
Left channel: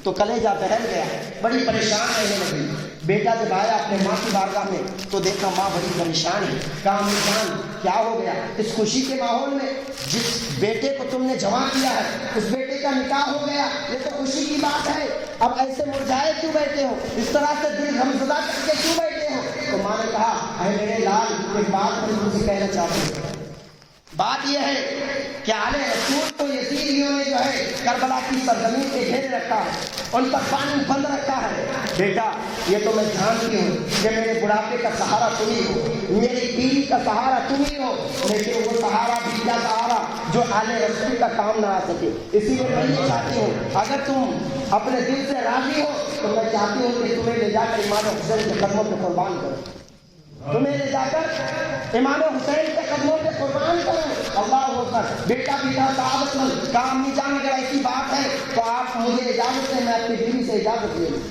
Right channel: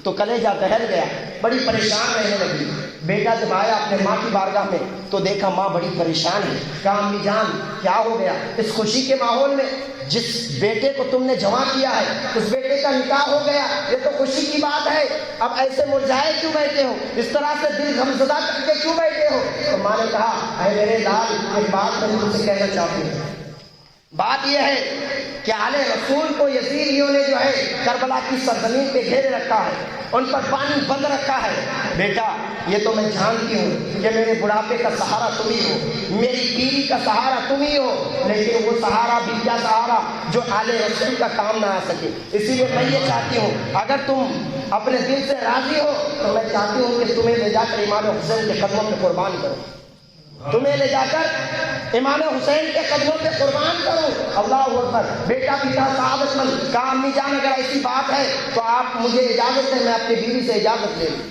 تو کلیجہ دہل گیا، بڑی پریشان رہنے لگی۔ بیٹا جب آیا اپنے ماں کی بارگاہ میں تو دیکھا ماں بڑی پریشان ہے، کہا امی جان کیا ہو گیا؟ اس خوشی کے ماحول میں جس بیٹے کو تم نے جمع کیا ہے اس بیٹے کا نکاح ہو گیا، یہ تو خوشی کی بات ہے، اب ایسے مرجھائے کیوں بیٹھے ہو؟ اس طرح سے دل غمزدہ کر کے کیوں بیٹھے ہو؟ تو ماں نے کہا اے میرے لال، ایک بات میں تم سے کہنا چاہتی ہوں۔ بات یہ ہے کہ آل رسول کو یزیدیوں نے جو ہے کربلا کی سرزمین پہ گھیرے رکھا ہے، ان پر پانی بند رکھا ہے۔ بیٹا یہ تو میں جانتی ہوں کہ میرے بڑھاپے کا سہارا تم ہی ہو، میری بیوی کا سہارا تم ہی ہو، لیکن وہ سہارا بھی کیا سہارا جو آل رسول کا کام نہ آ سکے۔ اسی لیے میں یہ چاہتی ہوں اگر تم اپنے دل سے راضی ہو تو میں چاہتی ہوں کہ تمہیں لے جا کر امام حسین کے قدموں پہ قربان کرو، تمہیں لے جا کر امام حسین کے قدموں پہ قربان کرو۔ اللہ اکبر۔ بیٹا بھی تھا سعادت مند، کہا امی جان اگر ایسی بات ہے تو آپ مجھے اجازت دیں، میں اپنی بیوی سے اجازت لے لوں،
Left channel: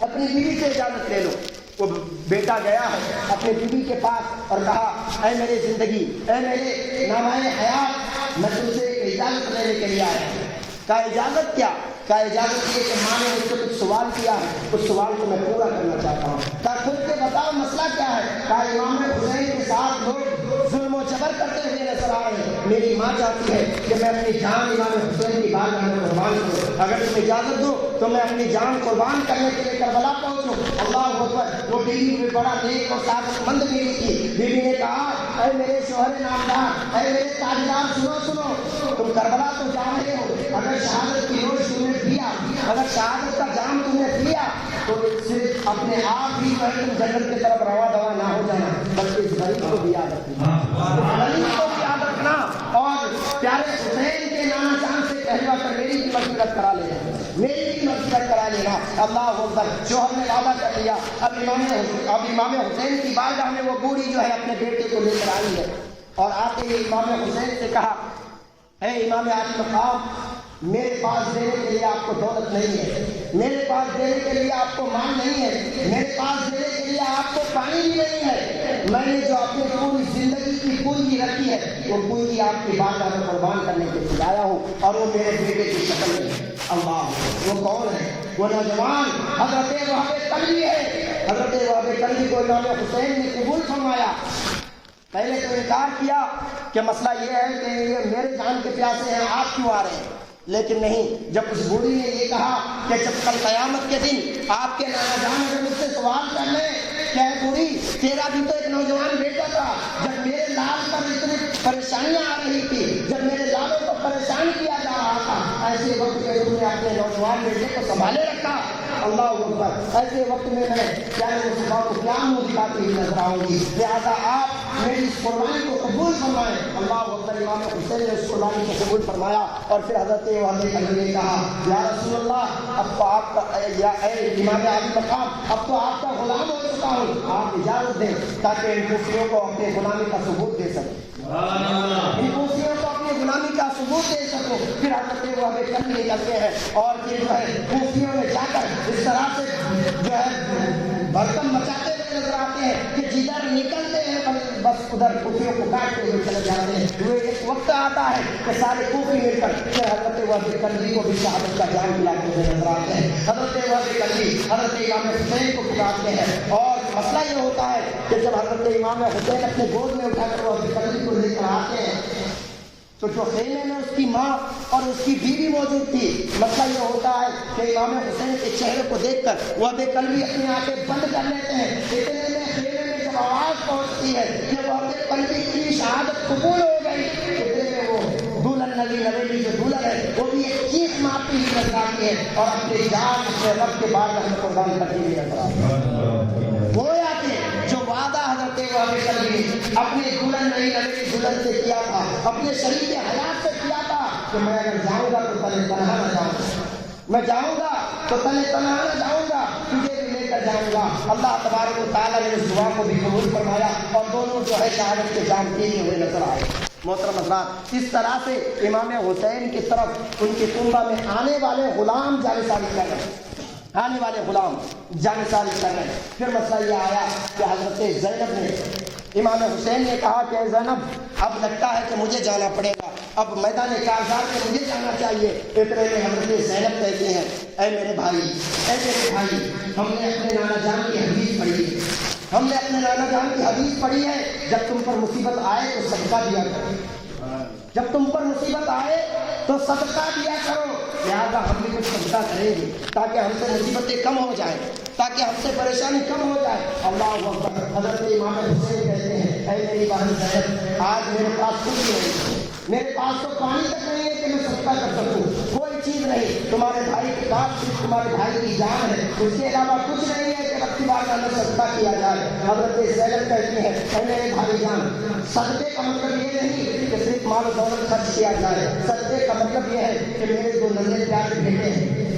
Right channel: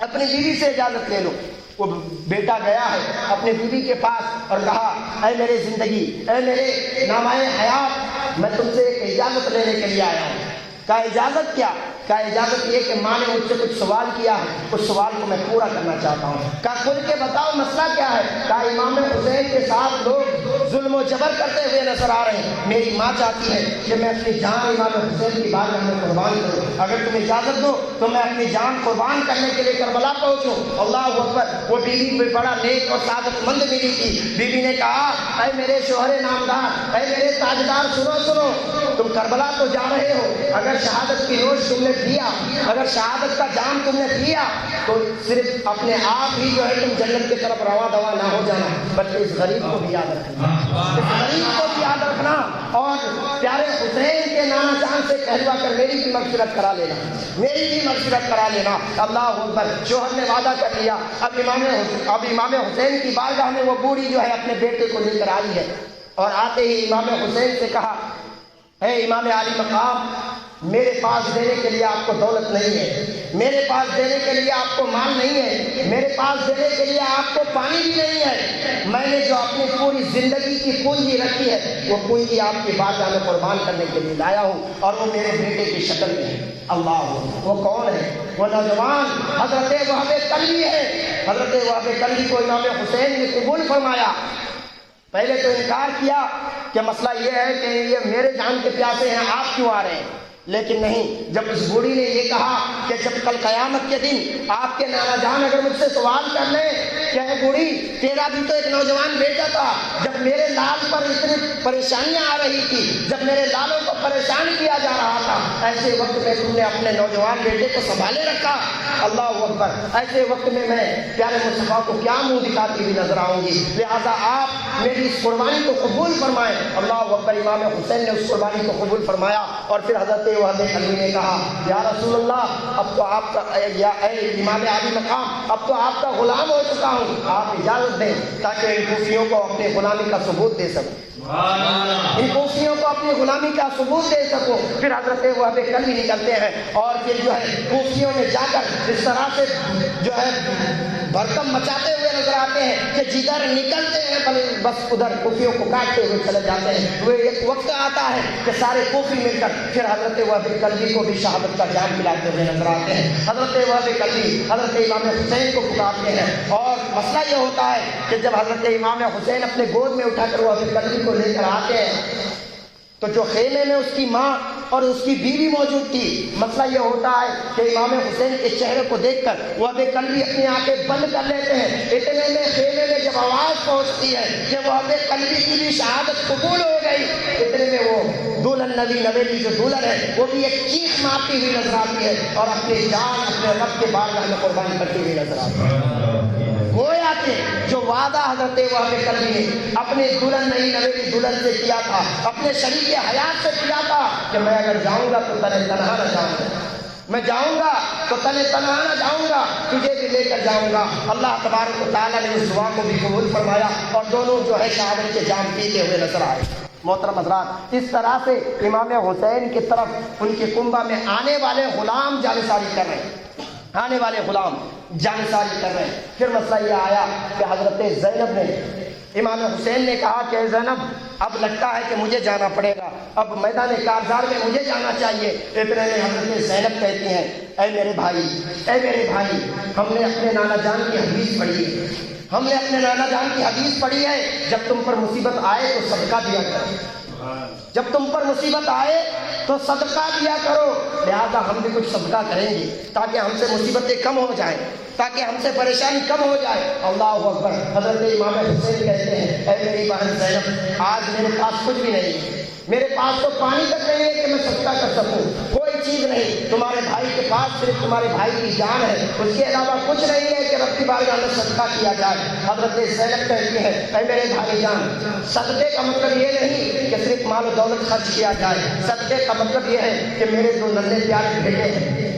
اپنی بیوی سے اجازت لے لو۔ وہ بیٹا گیا ہے اپنی بیوی کے پاس اور کہا اے میری زندگی، اے میرے نامۂ حیات، میں تم سے ایک اجازت لینے کے لیے آیا ہوں۔ کہا اجازت کیا؟ کہا اجازت یہ کہ ماں نے مجھ سے کچھ سوال کیا ہے، اس سوال کو میں پورا کرنا چاہتا ہوں۔ کہا کھل کے بتاؤ مسئلہ کیا ہے؟ کہا امام حسین کے ساتھ لوگ ظلم و جبر کرتے ہوئے نظر آ رہے ہیں، میری ماں چاہتی ہے کہ میں اپنی جان امام حسین کی بارگاہ میں قربان کروں، اگر تم اجازت دو تو میں اپنی جان قربان کرنے کے لیے کربلا پہنچوں۔ اللہ اکبر۔ وہ بیوی کوئی بڑا نیک اور سعادت مند بیوی تھی۔ بیوی نے کہا اے میرے شوہر نامدار، اے میرے تاجدار، سنو سنو، تم کربلا تو جا رہے ہو، اگر شہادت کی نوش تم نے پیا، اگر شہادت کا جام تم نے پیا تو صرف اپنے آپ ہی جو ہے تم جنت کی طرف رواں دوا نہ ہو جانا، بلکہ اس غریب کو بھی یاد رکھنا، غریب کو بھی یاد رکھنا، اور پیارے حسین کے نانا جان سے کہلوا کر میری بھی مغفرت کرا لینا، میری بھی مغفرت کرا لینا۔ اللہ اکبر۔ شوہر نے وعدہ کر لیا، اب امام حسین کی بارگاہ میں وہ بوڑھی جو ہے اپنے بیٹے کو لے کر آئی ہے، اور آتے ہی امام حسین سے کہا، اے امام عالی مقام، میرے پاس دینے کے لیے آپ کو دولت نہیں ہے، میرے پاس دینے کے لیے آپ کو مال نہیں ہے، میرے پاس دینے کے لیے آپ کو پانی بھی نہیں ہے، میں نے جو اپنی پوری زندگی کی پونجی رکھی ہے وہ پونجی آپ کی بارگاہ میں قربان کرنے کے لیے لایا ہوں، اور وہ میرے بیٹے کی شکل میں ہے۔ اللہ، وہ کون ہے؟ وہ نوجوان حضرت وہاب کلبی ہے۔ حضرت وہاب کلبی کو امام حسین نے قبول فرمایا۔ پہلے تو انکار کیا کہ مسئلہ یہ ہے کہ یہ میرے جان کے پیاسے ہیں، آپ کیوں آ رہے ہیں؟ لیکن نہیں، جب اس بوڑھی نے یہ کہا کہ جب کل قیامت کے دن آپ کے نانا جان اگر مجھ سے سوال کر لیں کہ اے بوڑھی، تیرا بھی تو ایک نوجوان بیٹا تھا، جب میرے لال پر اتنی پریشانیاں آ رہی تھی، جب میرے لالوں کو پریشان کیا جا رہا تھا، ایسے وقت میں تم نے اپنے نوجوان بیٹے کو سنبھالے رکھا۔ اللہ اکبر۔ ایسے وقت میں پیارے مصطفیٰ کو کیا منہ دکھاتی ہوئی نظر آؤں گی؟ لہٰذا آپ میری اس قربانی کو قبول فرمائیں۔ اللہ اکبر۔ امام حسین نے اس قربانی کو قبول فرمایا، اور پھر حضرت وہاب کلبی نے کہا، یا رسول اللہ، اب تو آپ کا یا اے امام عالی مقام، اب تو آپ کا غلام ہو چکا ہوں، آپ اجازت دیں تاکہ ان کوفیوں کو اپنے غلامی کا ثبوت دے سکوں، ان کوفیوں کو اپنی غلامی کا ثبوت دے سکوں۔ پھر حضرت وہاب کلبی نکلتے ہیں، اور پھر جو ہے کوفیوں میں جا کر اس طرح سے جو ہے برتن مچاتے ہوئے نظر آتے ہیں کہ جدھر نکلتے ہیں بس ادھر کوفیوں کو کاٹتے ہوئے چلے جاتے ہیں۔ وہ ایک وقت آتا ہے کہ سارے کوفی مل کر پھر حضرت وہاب کلبی کو بھی شہادت کا جام دلاتے ہوئے نظر آتے ہیں۔ حضرت وہاب کلبی حضرت امام حسین کو بلاتے ہیں، اور مسئلہ یہ ہوتا ہے کہ جب حضرت امام حسین اپنے گود میں اٹھا کر وہاب کلبی کو لے کر آتے ہیں تو جو خیمے میں اس کی ماں اور اس کی بیوی موجود تھی، مسئلہ یہ ہوتا ہے کہ امام حسین کے چہرے کو دیکھ کر وہاب کلبی اپنی آنکھیں بند کر لیتے ہیں۔ اتنے میں خیمے میں جب آواز پہنچتی ہے کہ وہاب کلبی کی بھی شہادت قبول ہو گئی، اتنے میں وہ دلہن نبی نویلی جو دلہن ہے وہ بھی ایک چیخ مارتی ہوئی نظر آتی ہے، اور اپنی جان سے رب کے بارگاہ میں قربان کرتی ہوئی نظر آتی ہے۔ وہ آتے جو وعدہ حضرت وہاب کلبی نے اپنے دلہن نبی نویلی دلہن سے کیا تھا، اپنے شریک حیات سے کیا تھا کہ میں اگر جاؤں گا تو تنے تنہا نہ جاؤں گا، میں جاؤں گا تو تنے تنہا نہ جاؤں گا، تجھے بھی لے کر جاؤں گا۔ اللہ تبارک و تعالیٰ نے اس دعا کو بھی قبول فرمایا، اور دونوں جو ہے شہادت کے جام پیتے ہوئے نظر آئے۔ محترم حضرات، اس طرح سے امام حسین کی طرف ان کے کنبہ میں آنے والے غلام جانثاری کر رہے ہیں، آنے والے غلام جانثاری کر رہے ہیں۔ پھر مسئلہ یہ آیا کہ حضرت زینب نے امام حسین نے کہا کہ زینب، اب لگتا ہے کہ مجھے جانا پڑے گا، اب میدان کارزار میں مجھے جانا چاہیے۔ اتنے میں حضرت زینب کہتی ہیں، اے میرے بھائی، اے میرے بھائی، ہم نے اپنے نانا جان کی حدیث پڑھی ہے، ہم نے اپنے نانا جان کی حدیث پڑھی ہے، جب تم پر مصیبت آئے تو صدقہ دیا کرو، جب تم پر مصیبت آئے تو صدقہ دیا کرو۔ لہٰذا ہم بھی کچھ صدقہ کریں گے تاکہ ہم سے مصیبتیں کم ہو جائیں، تاکہ ہم سے پریشانی کم ہو جائے۔ اللہ اکبر۔ حضرت امام حسین کہتے ہیں، اے میری بہن زینب، آج میرے پاس کچھ بھی نہیں، میرے پاس تو پانی تک نہیں ہے کہ میں صدقہ کر سکوں، کوئی چیز نہیں، تمہارے بھائی کے پاس صرف تمہارے بھائی کی جان ہے، اس کے علاوہ کچھ نہیں ہے کہ رب کی بارگاہ میں صدقہ کیا جائے۔ حضرت زینب کہتی ہے، اے میرے بھائی جان، صدقے کا مطلب یہ نہیں کہ صرف مال و دولت خرچ کیا جائے، صدقے کا مطلب یہ ہے کہ میرے جو ننھے پیارے بیٹے ہیں،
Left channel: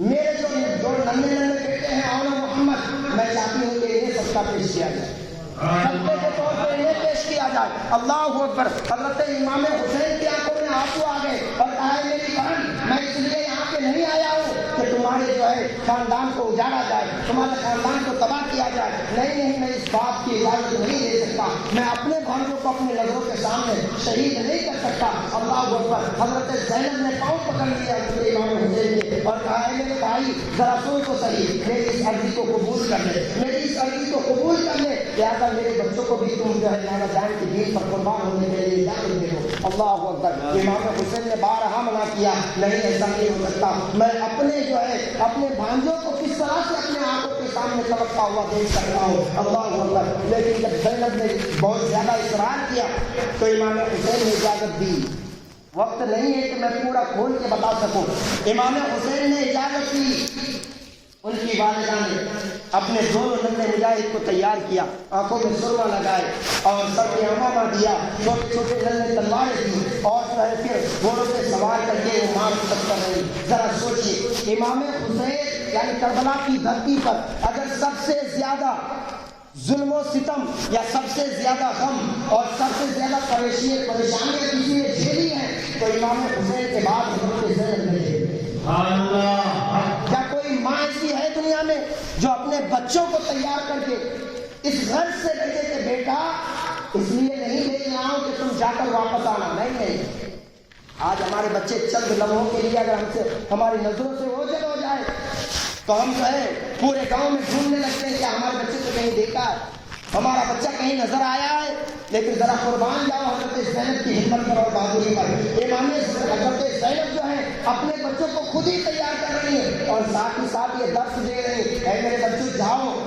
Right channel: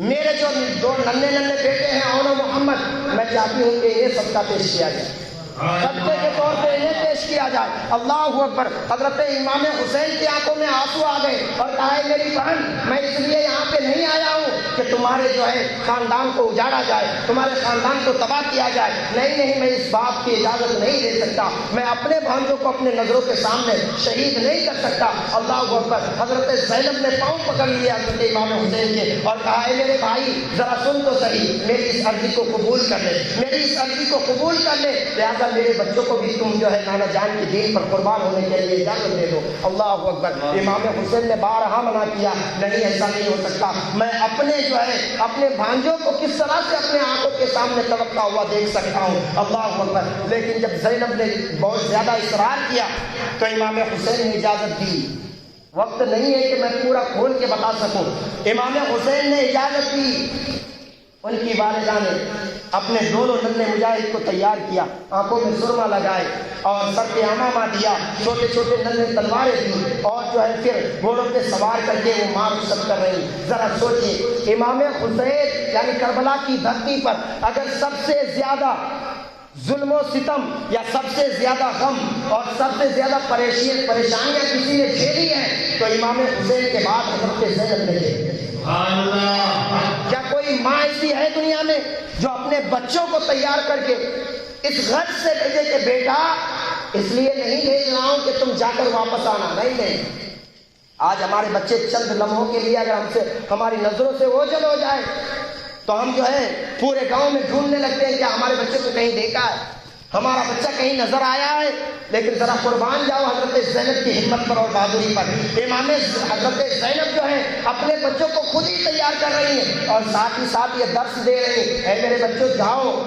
میرے جو ننھے بیٹے ہیں اور محمد، میں چاہتی ہوں کہ یہ صدقہ پیش کیا جائے، صدقے کے طور پہ انہیں پیش کیا جائے۔ اللہ اکبر۔ حضرت امام حسین کی آنکھوں میں آنسو آ گئے، اور کہا، میری بہن، میں اس لیے یہاں پہ نہیں آیا ہوں کہ تمہارے جو ہے خاندان کو اجاڑا جائے، تمہارے خاندان کو تباہ کیا جائے، نہیں، میں اس بات کی اجازت نہیں دے سکتا، میں اپنے بھائیوں کو اپنے نظروں کے سامنے شہید نہیں کر سکتا۔ اللہ اکبر۔ حضرت زینب نے پاؤں پکڑ لیا حضرت امام حسین کے، اور کہا، اے میرے بھائی، ذرا سن تو صحیح، میری اس عرضی کو قبول کر لے، میری اس عرضی کو قبول کر لے، لہٰذا میرے بچوں کو بھی تم جو ہے نانا جان کی دین پر قربان ہونے کے لیے اجازت دے دو۔ اللہ اکبر۔ امام حسین نے بارہا منع کیا، نہیں ایسا نہیں ہو سکتا، میں اپنے جو ہے اپنے بھانجوں کو کس طرح سے اپنے آنکھوں کے سامنے تڑپتا ہوا دیکھ سکتا ہوں۔ اللہ اکبر۔ لیکن جب زینب نے بہت زیادہ اصرار کیا تو امام حسین نے اجازت دی۔ وقت نہیں ہے کہ میں پورا کھول کے بتا سکوں۔ امام حسین نے اجازت دی، ان کی والدہ نے اپنے دونوں ننھے مجاہد کو تیار کیا، آنکھوں میں سرما لگائے اور سر پہ عمامہ دیا، چھوٹے چھوٹے ننھے تلواریں دی اور جو ہے پھر گھوڑوں پہ سوار کر کے وہ مارچ سب کر رہی۔ ذرا سوچیے، امام حسین یعنی کربلا کی دھرتی پر اگر سب سے زیادہ ظلم و ستم یا سب سے زیادہ غم اور سب سے زیادہ پریشانیاں کسی نے جھیلی ہیں تو امام حسین کے بعد حضرت زینب نے جھیلی۔ کیا کوئی ماں ایسی ہے دنیا میں جو اپنے بچوں کو تیار کر کے اس غرض سے بھیجے کہ بیٹا اس لیے نہیں بھیج رہا ہوں کہ تم جا کر واپس آنا؟ نہیں۔ آج ہمارے بچے چند لمحوں کے لیے اگر ہم سے ہماری نظروں سے اوجھل ہو جائے تو ہم جو ہے پورے گاؤں میں ڈھونڈنے لگتے ہیں کہ ہمارے بچے کو کہیں دیکھا ہے، ہمارا بچہ کہیں نظر آیا ہے۔ لیکن ذرا قربان جاؤ حضرت زینب کی ہمت پر اور بہادری پر۔ امام حضرت زینب جو ہے اپنے بچوں کو خود ہی تیار کر رہی ہیں اور ساتھ ہی ساتھ یہ درس دے رہی ہیں، اے میرے بچوں جاؤ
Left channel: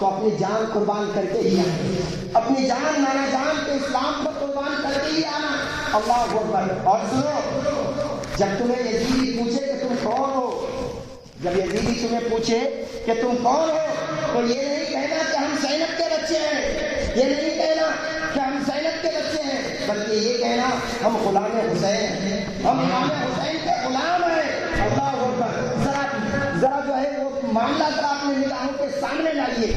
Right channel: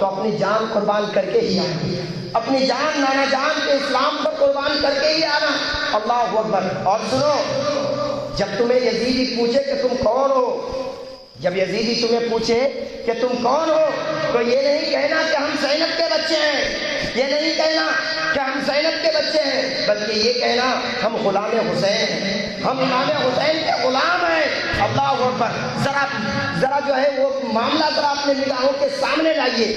تو اپنی جان قربان کر کے ہی آنا، اپنی جان نانا جان کے اسلام پر قربان کر کے ہی آنا۔ اللہ اکبر۔ اور سنو، جب تمہیں یزید پوچھے کہ تم کون ہو، جب یزیدی تمہیں پوچھے کہ تم کون ہو تو یہ نہیں کہنا کہ ہم زینب کے بچے ہیں، یہ نہیں کہنا کہ ہم زینب کے بچے ہیں، بلکہ یہ کہنا ہم غلام حسین ہیں، ہم امام حسین کے غلام ہیں۔ اللہ اکبر۔ ذرا جو ہے وہ معاملہ ذرا اپنے نگاہوں کے سامنے لائیے،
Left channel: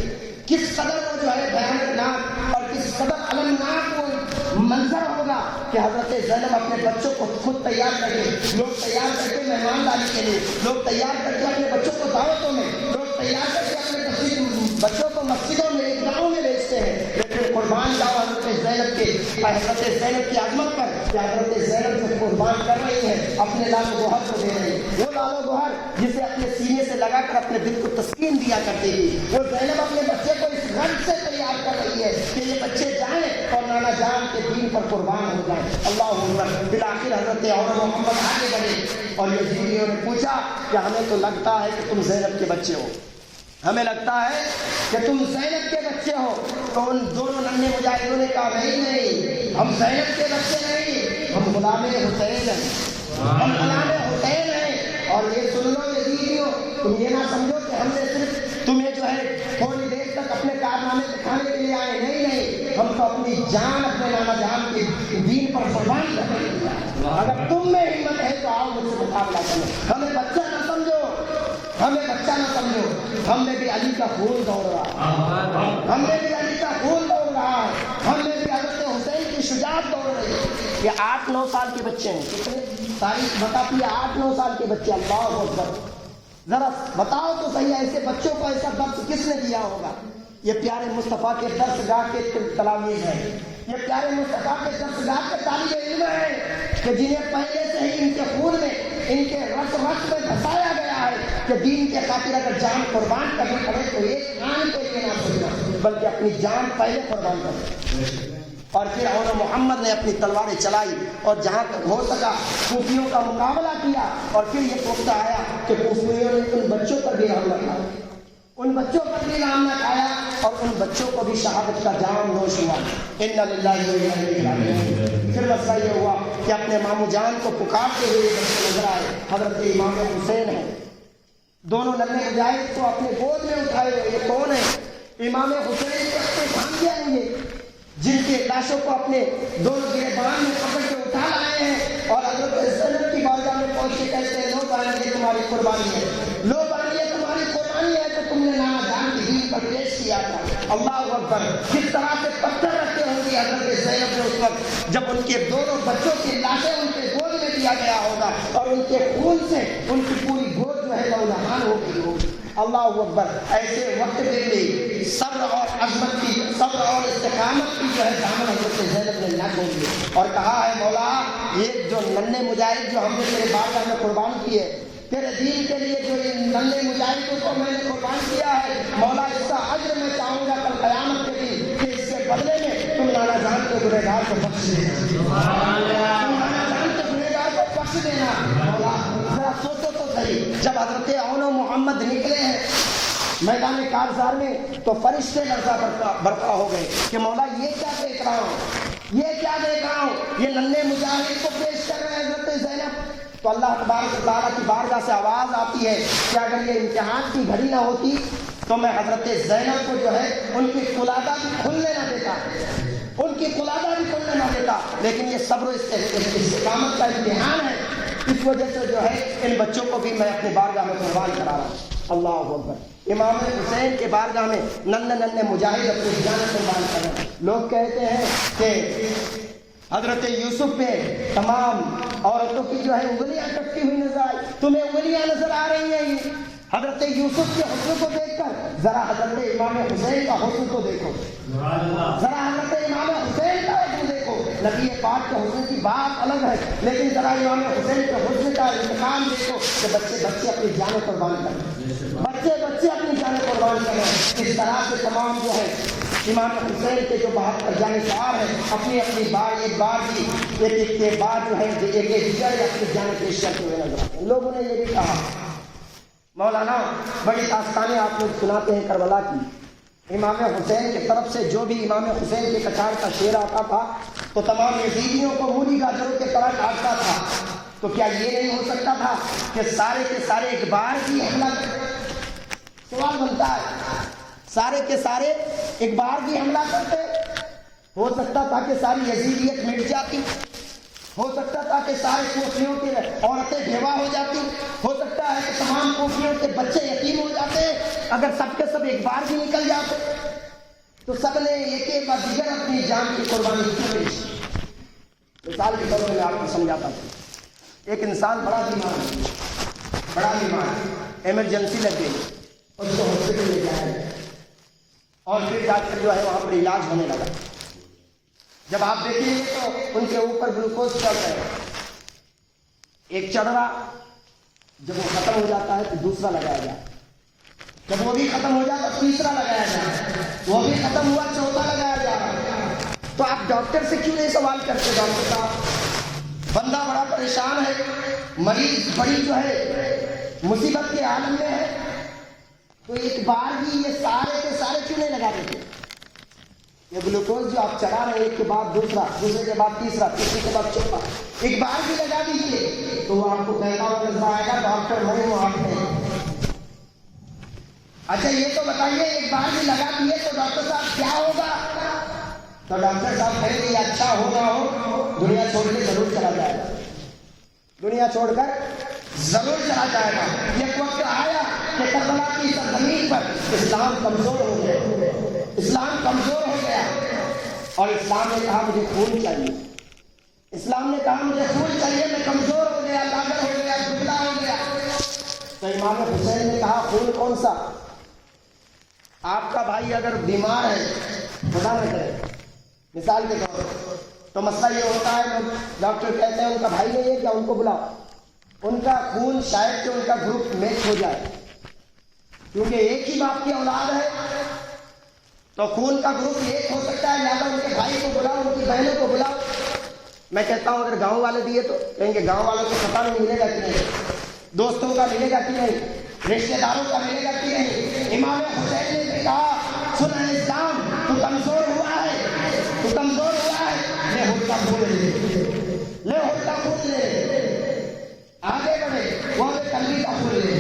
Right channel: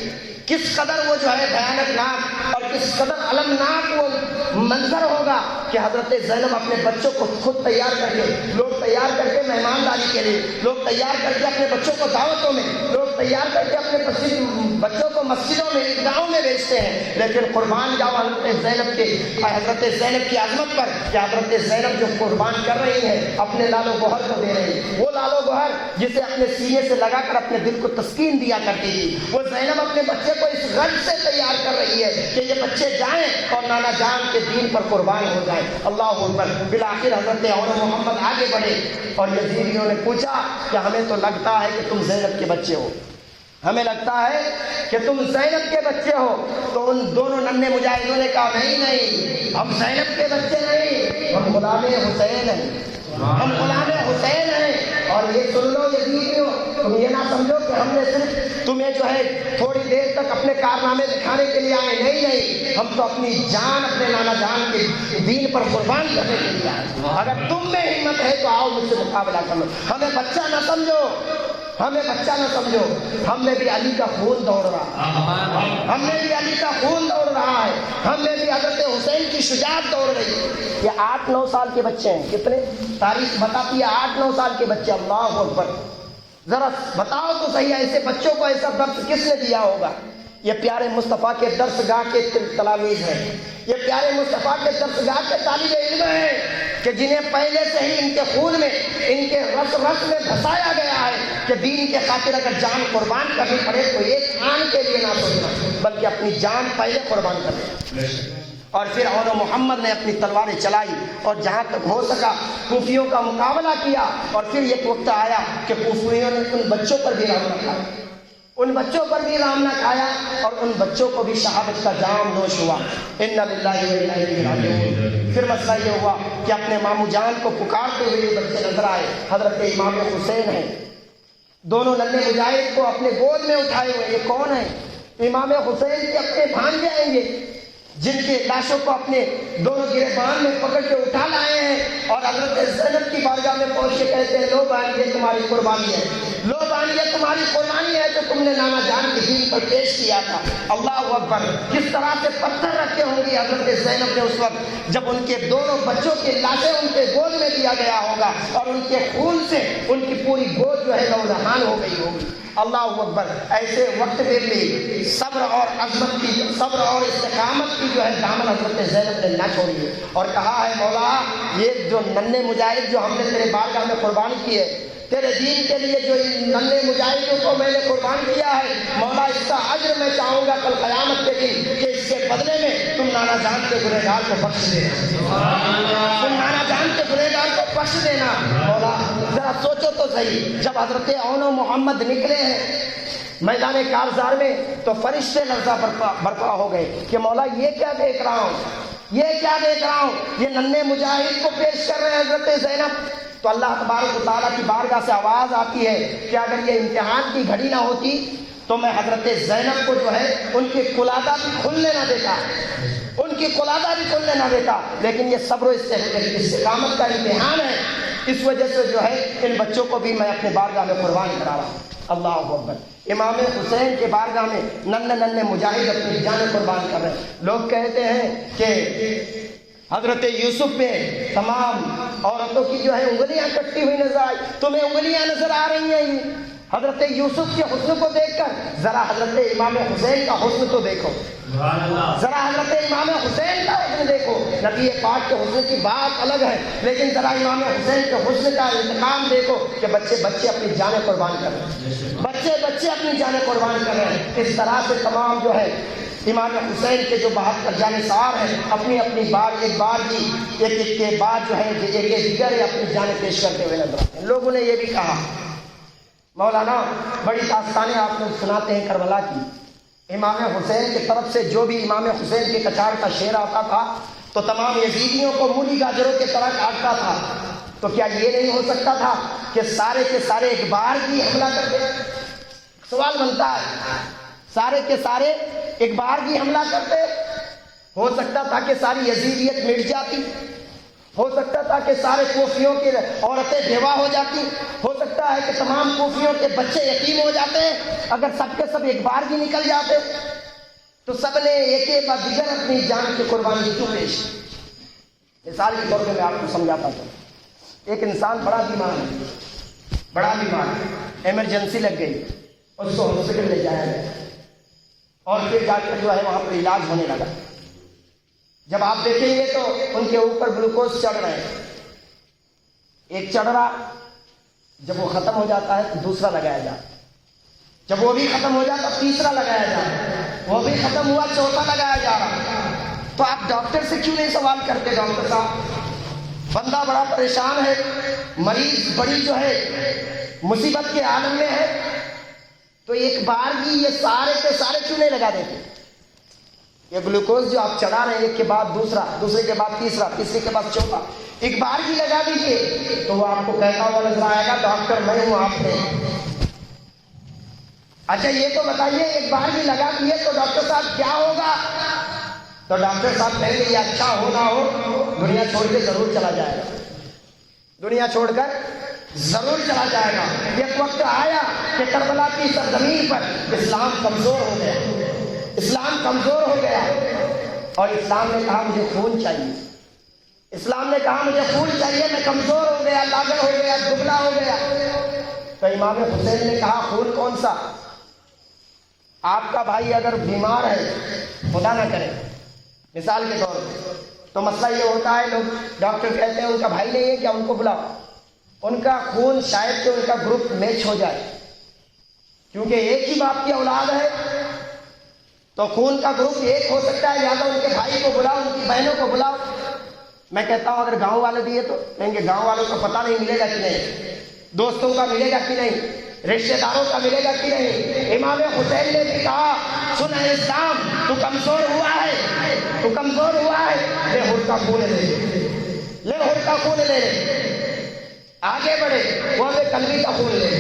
کس قدر وہ جو ہے بھیانک ناک اور کس قدر المناک وہ منظر ہوگا کہ حضرت زینب اپنے بچوں کو خود تیار کر کے، لوگ تیار کر کے مہمانداری کے لیے، لوگ تیار کر کے اپنے بچوں کو دعوتوں میں، لوگ تیار کر کے اپنے بچوں کو مسجدوں میں عیدگاہوں میں بھیجتے ہیں، لیکن قربان جاؤ حضرت زینب کی عظمت پر کہ حضرت زینب جو قربان کر رہی ہے اپنے لال و گوہر کو دے رہی ہے، وہ لال و گوہر جسے اپنے سینے سے لگا کر اپنے دل کو تسکین دیا کرتی تھی، وہ زینب اپنے بچے کو اس غرض سے تیار کر رہی ہے کہ یہ بچے جائیں اور نانا جان کے دین پر قربان ہو جائیں۔ اللہ اکبر۔ بالآخر حضرت عمر محمد آگے بڑھے اور یزیدیوں نے پوچھا کہ ہمیں تو لگتا ہے کہ تم زینب کے بچے ہو، ہمیں لگتا ہے کہ تم زینب کے بچے ہو۔ تو ان دونوں ننھے مجاہدوں نے کہا نہیں، ہم زینب کے بچے نہیں، ہم غلام حسین ہیں، ہم غلام حسین ہیں۔ اور یہ سن لو یزیدیوں، تم یہ نہ سمجھو کہ ہم نے صرف تمہیں جو ہے تھوڑی دیر تک اپنے کارنامے دکھانے کے لیے آئے، نہیں، ہم تو اپنی جان اپنے نانا جان کے دین پر قربان کرنے کے لیے آئے۔ اگر تم میں ہمت ہے تو آؤ مجھ سے مقابلہ کرو، ہمیں بچہ نہ سمجھو، ہمیں بچہ نہ سمجھو، ہم میں بھی علی کا خون دوڑ رہا ہے، ہم میں بھی علی کا خون دوڑ رہا ہے، ہم میں بھی حضرت حسین کی شجاعت دوڑ رہی ہے۔ یہ 8-9 سال کے بچے ہیں، کتنے؟ تاریخ بتاتی ہے 8-9 سال کے بچے۔ اللہ اکبر۔ ذرا بتاؤ تو صحیح، ایسے بچوں کو ایسا درس کس نے دیا ہوگا؟ یہ پیارے مصطفیٰ کے درس گاہ کے تلامید ہیں، یہ پیارے مصطفیٰ کے درس گاہ کے طالب علم ہیں کہ جنہیں پہلے سے ہی ان کے خون میں، ان کے رس میں بسایا گیا ہے کہ دین کے خاطر اگر جان قربان کرنی پڑے تو ایک آن کے لیے نہ سمجھنا بلکہ اپنی جان پہلے قربان کرنا۔ اور پھر اور محمد نے اپنی تلواریں چلائی اور جہاں تک ہو سکا کوفیوں کا مقابلہ کیا، اور پھر یہ وقت آیا کہ کوفیوں نے ان بچوں پر بھی رحم کیا، ان بچوں پر بھی رحم نہ کھایا اور ان بچوں کو بھی شہادت کا جام نوش ہوا۔ انا للہ و انا الیہ راجعون۔ پھر مسئلہ یہ ہوا کہ اپنے مامو جان کو پکارتے ہوئے جب سے نظر آئے حضرت امام حسین ہیں، دونوں ننھے مجاہد کو اپنے گود میں اٹھائے ہوئے۔ یہ کون ہے؟ امام حسین کے اپنے بھانجے آئیں گے جن کے لاشوں کو اپنے دونوں گریبان میں پکڑ کے اٹھا لائے ہیں اور حضرت زینب کی بارگاہ میں پہنچ کے کہتے ہیں لو بانی یہ تمہاری قربانی ہے، لو بانی یہ تمہاری قربانی ہے جو تم نے نانا جان کے دین پر پیش کیا تھا۔ اللہ اکبر۔ کس طرح سے پتھر رکھے ہوں گے حضرت زینب نے اس وقت جب ان کے دونوں بچوں کی لاشیں ان کے گود میں دیا گیا ہوگا اور ان کے خون سے ان کی پوری گود جو ہے لہولہان ہو گئی ہوگی۔ اللہ اکبر۔ ایسے وقت میں بھی صبر اور عظمت کی، صبر اور استقامت کی جو ہے دامن حضرت زینب نے نہ چھوڑی اور کہا ہے مولا یہ جو ننھے مجاہد جو ہم نے تیرے بارگاہ میں قربان کیے، تیرے دین کے لیے جو ان ننھے مجاہدوں کو میں نے قربان کیا ہے، مولا اس کا اجر میں میں چاہوں گا کل قیامت کے دن کہ اس کے بدلے میں تم نانا جان کے گنہگار کو بخش دینا، تم نانا جان کے گنہگار کو بخش دینا۔ مولا ذرا سوچو تو صحیح، جب حضرت اون و محمد نکلے ہیں میدان کارزار میں تو فرشتے لرزہ برپا ہو گئے کہ مولا یہ کیا دیکھ رہا ہوں، یہ کیا دیکھ رہا ہوں، یہ ننھے مجاہد کو پیش کر رہے ہیں حضرت زینب۔ تو اللہ تبارک و تعالیٰ کی بارگاہ سے آواز آتی ہے کہ اگر یہ امتحان کی گھڑی نہ ہوتی تو میں حضرت زینب کو جو ہے ان کی قلادہ بھی کھلنے نہ دیتا، ان کی قلادہ بھی کھلنے نہ دیتا، لیکن یہ صبر و استقامت کا امتحان ہے، اس وجہ سے جو ہے ان بچوں کو بھی میں اپنے بارگاہ میں قربان کرا رہا ہوں۔ اللہ اکبر۔ امام حسین کے بارگاہ میں ننھے مجاہد اپنی جان قربان کر رہے ہیں۔ لوگ کہتے ہیں کہ حضرت یوسف پہ تمام عورتوں کی جو ہے انگلیاں کٹی ہوئی نظر آئی، تمہیں انگلیاں نظر آ رہی ہیں؟ حضرت یوسف کے حسن کو دیکھ کر ذرا حضرت امام حسین کا حسن تو دیکھو، ذرا حضرت امام حسین کا حسن دیکھو۔ نبی پاک کے حسن کی بات الگ ہے، لیکن ذرا امام حسین کے حسن کا انتخاب دیکھو کہ بچے اپنی جانیں قربان کر رہے ہیں، بچے اپنی جانیں قربان کر رہے ہیں۔ اس طرح سے تمام جو ہے امام حسین کے جو بہت جانثار ہیں اپنی بار ایک بار کے بعد جو ہے دیگر اپنی جانیں پیش کرتے ہوئے نظر آتے ہیں۔ لوگوں نے یہ بھی کہا، مولانا بڑی داستانیں آپ لوگ سناتے ہیں کربلا کی، امام حسین کی طرف سے جو بھی امام حسین کے کچار کا شعر آتا تھا تو تمام یزیدیوں کو مولی گاجروں کی طرح کاٹتا تھا، تو کیا یہ نہیں ہو سکتا تھا کہ سارے کے سارے ایک بار کی حملہ کرتے؟ سوال بنتا ہے، سارے کے سارے ایک بار کی حملہ کرتے؟ ہو سکتا تھا کہ ساری یزیدیت مٹ جاتی، ہو سکتا تھا کہ سارے کوفیوں کی عورتیں بیوہ ہو جاتی، ہو سکتا ہے کہ تمام کوفیوں کے بچے یتیم ہو جاتے ہیں اگر سب کے سب ایک بار بھی نکل جاتے، تو سب نے ایک ایک بار دیگر اپنی جان کی قربانی کیوں پیش؟ مثال کے طور پر میں آپ کو سمجھاتا ہوں۔ ایک انسان بڑا بیمار ایمرجنسی لگ گئی، اس کو ہاسپٹل لے جایا گیا اور پھر ڈاکٹر جو ہے وہاں پر علاج ہونے لگا۔ جب آپ دیکھیں گے تو ان کے اوپر گلوکوز چڑھ رہے ہیں، ایک چڑھ رہا، جب وہ ختم ہو جاتا ہے تو دوسرا لگایا جاتا، جب وہ بھی ختم ہو جاتا تو تیسرا لگایا جاتا، وہ بھی ختم ہوا چوتھا لگایا جاتا۔ تو آپ ڈاکٹر سے کیوں نہیں سوال کرتے؟ ڈاکٹر صاحب بندہ بڑا پریشان ہے، مریض بڑی جو ہے مصیبت کے عالم میں ہے، تو ایک بار بھی یہ سارے کے سارے کیوں نہیں لگا دیتے؟ یہ گلوکوز جو آپ چڑھا رہے ہیں ایک کے بعد دوسرا، دوسرے کے بعد تیسرا، تیسرے کے بعد چوتھا، ایک بار بھی لگا دیجیے تو وہ آپ کو کہتا ہوا نظر آئے گا ڈاکٹر میں ہوں آپ نے۔ اچھا یہ تو بتائیے ایک بار بھی لگا دیے تو ڈاکٹر صاحب کیا ہوگا؟ تو ڈاکٹر صاحب کہیں گے یہ اچھا ہو نہ ہو دنیا چھوڑ کے ضرور چلا جائے گا، دنیا چھوڑ کر ضرور چلا جائے گا۔ ایک وقت آیا کہ کربلا کی سرزمین پر اسلام کمزور ہو گیا، اسلام کمزور ہو گیا اور اسلام نے کہا مجھے خون چاہیے، اسلام نے کہا مجھے خون چاہیے، میں کمزور ہو گیا، لاغر ہو گیا، دبلا ہو گیا۔ تو امام حسین نے کہا خون کون سا؟ آپ کا بھائی اگر بیمار ہے، خدا نہ کرے مثال کے طور پر، تو مسئلہ یہ ہوتا ہے لوگ ڈاکٹر کہتے ہیں ان کا بھائی نہیں ہے کیا، ان کو بلاؤ، ان کا خون شاید کہ ان کا گروپ میچ ہو جائے، کیونکہ ایک ہی باپ کی اولاد ہے تو خون کا گروپ ایک ہو سکتا ہے، لہٰذا ان کے بھائی کو بلاؤ، ان کی بہنوں کو بلاؤ۔ میں کہتا ہوں اگر گاؤں والے دیے تو کہیں گے گاؤں والوں کو پتہ نہیں ملے گا کہ نہیں، دوستوں کا ملے گا کہ نہیں، رشتے داروں کا ملے گا کہ نہیں۔ امام حسین نے بھی کہا سن اسلام تو کمزور ہوا ہے، تو کمزور ہوا ہے، لے خود کا خون لے لے، خود کا خون لے آگے بڑھے، وہاں کلبی کا خون لے،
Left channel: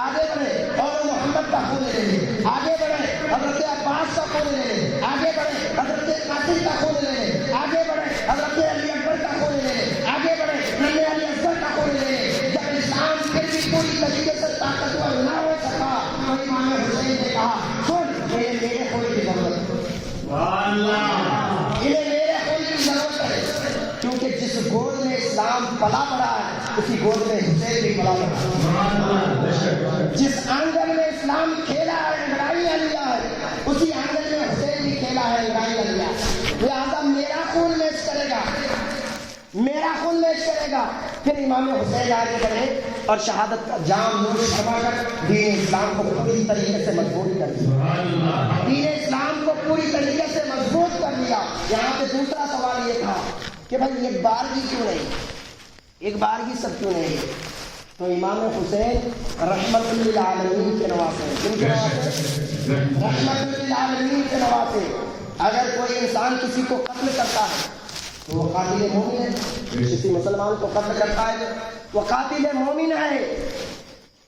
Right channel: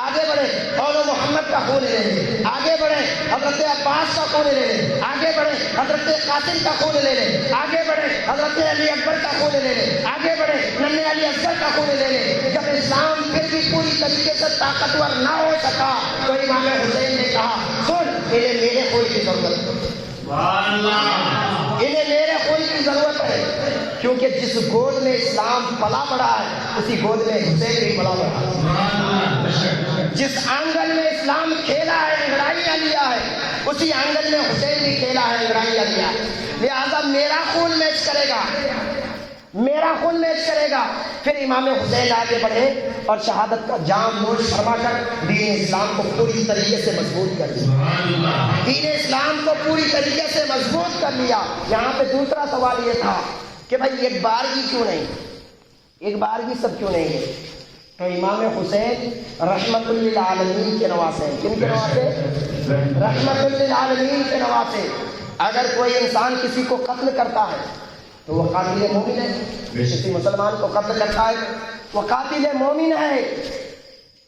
آگے بڑھے اور محمد کا خون لے، آگے بڑھے حضرت عباس کا خون لے، آگے بڑھے حضرت قاسم کا خون لے، آگے بڑھے حضرت علی اکبر کا خون لے، آگے بڑھے ننھے علی اصغر کا خون لے۔ جب اسلام پھر بھی پوری طریقے سے طاقتور نہ ہو سکا تو امام حسین نے کہا سن انہیں میرے خون کی ضرورت ہے، انہیں میرے خون کی ضرورت ہے، کیونکہ جس گود میں اسلام پلا پڑا ہے اسی گود میں حسین بھی پلا پڑا، جس آنگن میں اسلام کھیلا ہے انگڑائیاں لیا ہے اسی آنگن میں حسین بھی کھیلا ہے انگڑائیاں لیا، لہٰذا میرا خون میچ کرے گا، میرا خون میچ کرے گا. پھر امام حسین آگے بڑھے اور شہادت کا جام نوش فرما کر دین اسلام کو پوری طریقے سے مضبوط کر دیا. دین اسلام کو پوری طریقے سے مضبوط کر لیا. یہاں پہ دوسرا سوال یہ تھا کہ بھائی ایک بارگی کیوں نہیں, ایک بارگی سب کیوں نہیں ہے؟ تو امام حسین رحمت للعالمین کے نواسے, جن کے نواسے رحمت للعالمین کے نواسے. اگر کوئی انسان کسی کو قتل کرتا ہے تو وہ قاتل مومن ہے. کسی مسلمان کو قتل کرتا ہے وہ قاتل مومن ہے.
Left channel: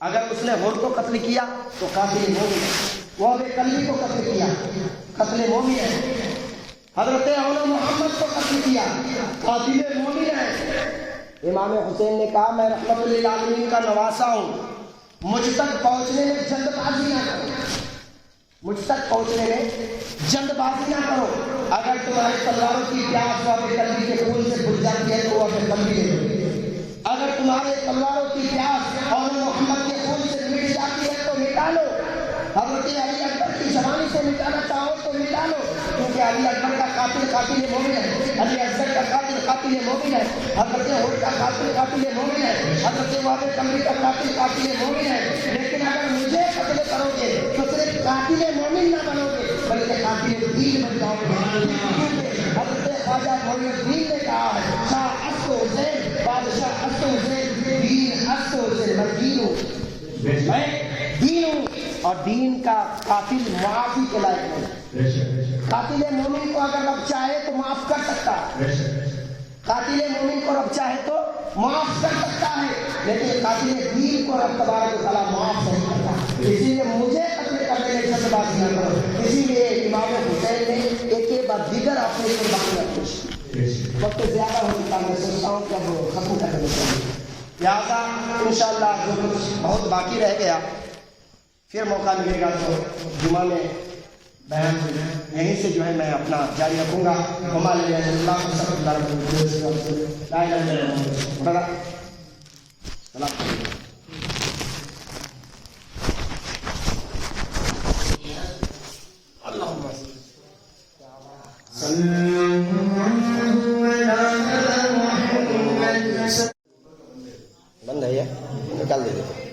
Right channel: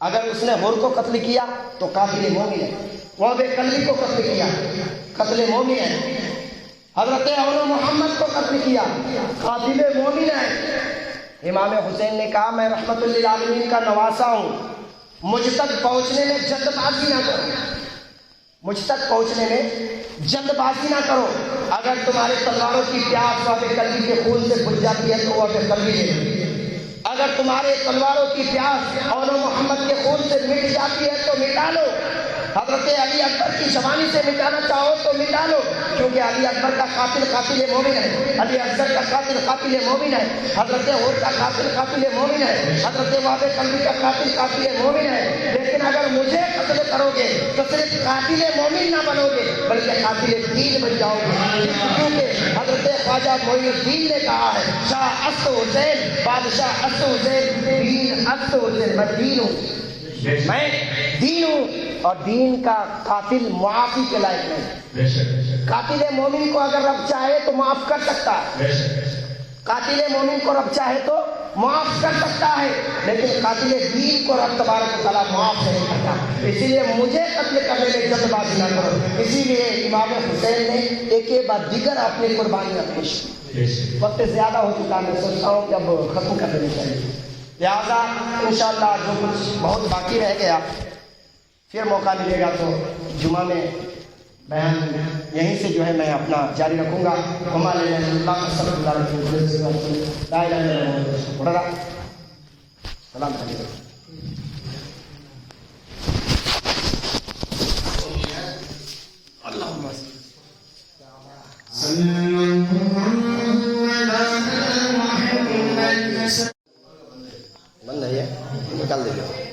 اگر اس نے حور کو قتل کیا تو قاتل مومن ہے. وہ بے کلی کو قتل کیا قتل مومن ہے. حضرت عمر محمد کو قتل کیا قاتل مومن ہے. امام حسین نے کہا میں رحمت للعالمین کا نواسا ہوں, مجھ تک پہنچنے میں جلد بازی نہ کرو, مجھ تک پہنچنے میں جلد بازی نہ کرو. اگر تمہارے تلواروں کی پیاس اور کلبی کے خون سے بجھ جاتی ہے تو وہ کلبی لے لو. اگر تمہارے تلواروں کی پیاس اور محمد کے خون سے مٹ جاتی ہے تو مٹا لو. حضرت علی اکبر کی جوانی سے مٹانا چاہو تو مٹا لو, کیونکہ علی اکبر کا قاتل مومن ہے. علی اصغر کا قاتل مومن ہے. حضرت عمر کا قاتل مومن ہے. حضرت وہاب کلبی کا قاتل مومن ہے. لیکن اگر مجھے قتل کرو گے تو صرف قاتل مومن نہ بنو گے بلکہ قاتل دین بن جاؤ گے. حضرت خواجہ معین الدین نے کہا ہے شاہ است حسین بادشاہ است حسین دین است حسین. میں دین ہوں, میں دین ہوں, اور دین کا قاتل معافی کے لائق نہیں. قاتل مومن کو اگر رب چاہے تو معاف کر سکتا ہے, قاتل مومن کو رب چاہے تو معاف کر سکتا ہے, لیکن قاتل دین کو رب تبارک و تعالیٰ معاف نہیں کرتا. اسی لیے مجھے قتل کرنے میں جلد بازی نہ کرو. اسی لیے امام حسین نے ایک بعد دیگر اپنے قربانیاں پیش کی. وقت زیادہ ہو چکا, میں سوچتا ہوں کہ اب ختم کر دینا چاہیے. لہٰذا انشاءاللہ جو کچھ بہت باقی رہ گیا پھر موقع ملے گا تو جمعہ میں بیان یہیں سے جو ہے میں اپنا جاری رکھوں گا. ہمارے اللہ بند ہے یہ نکال دیں گے.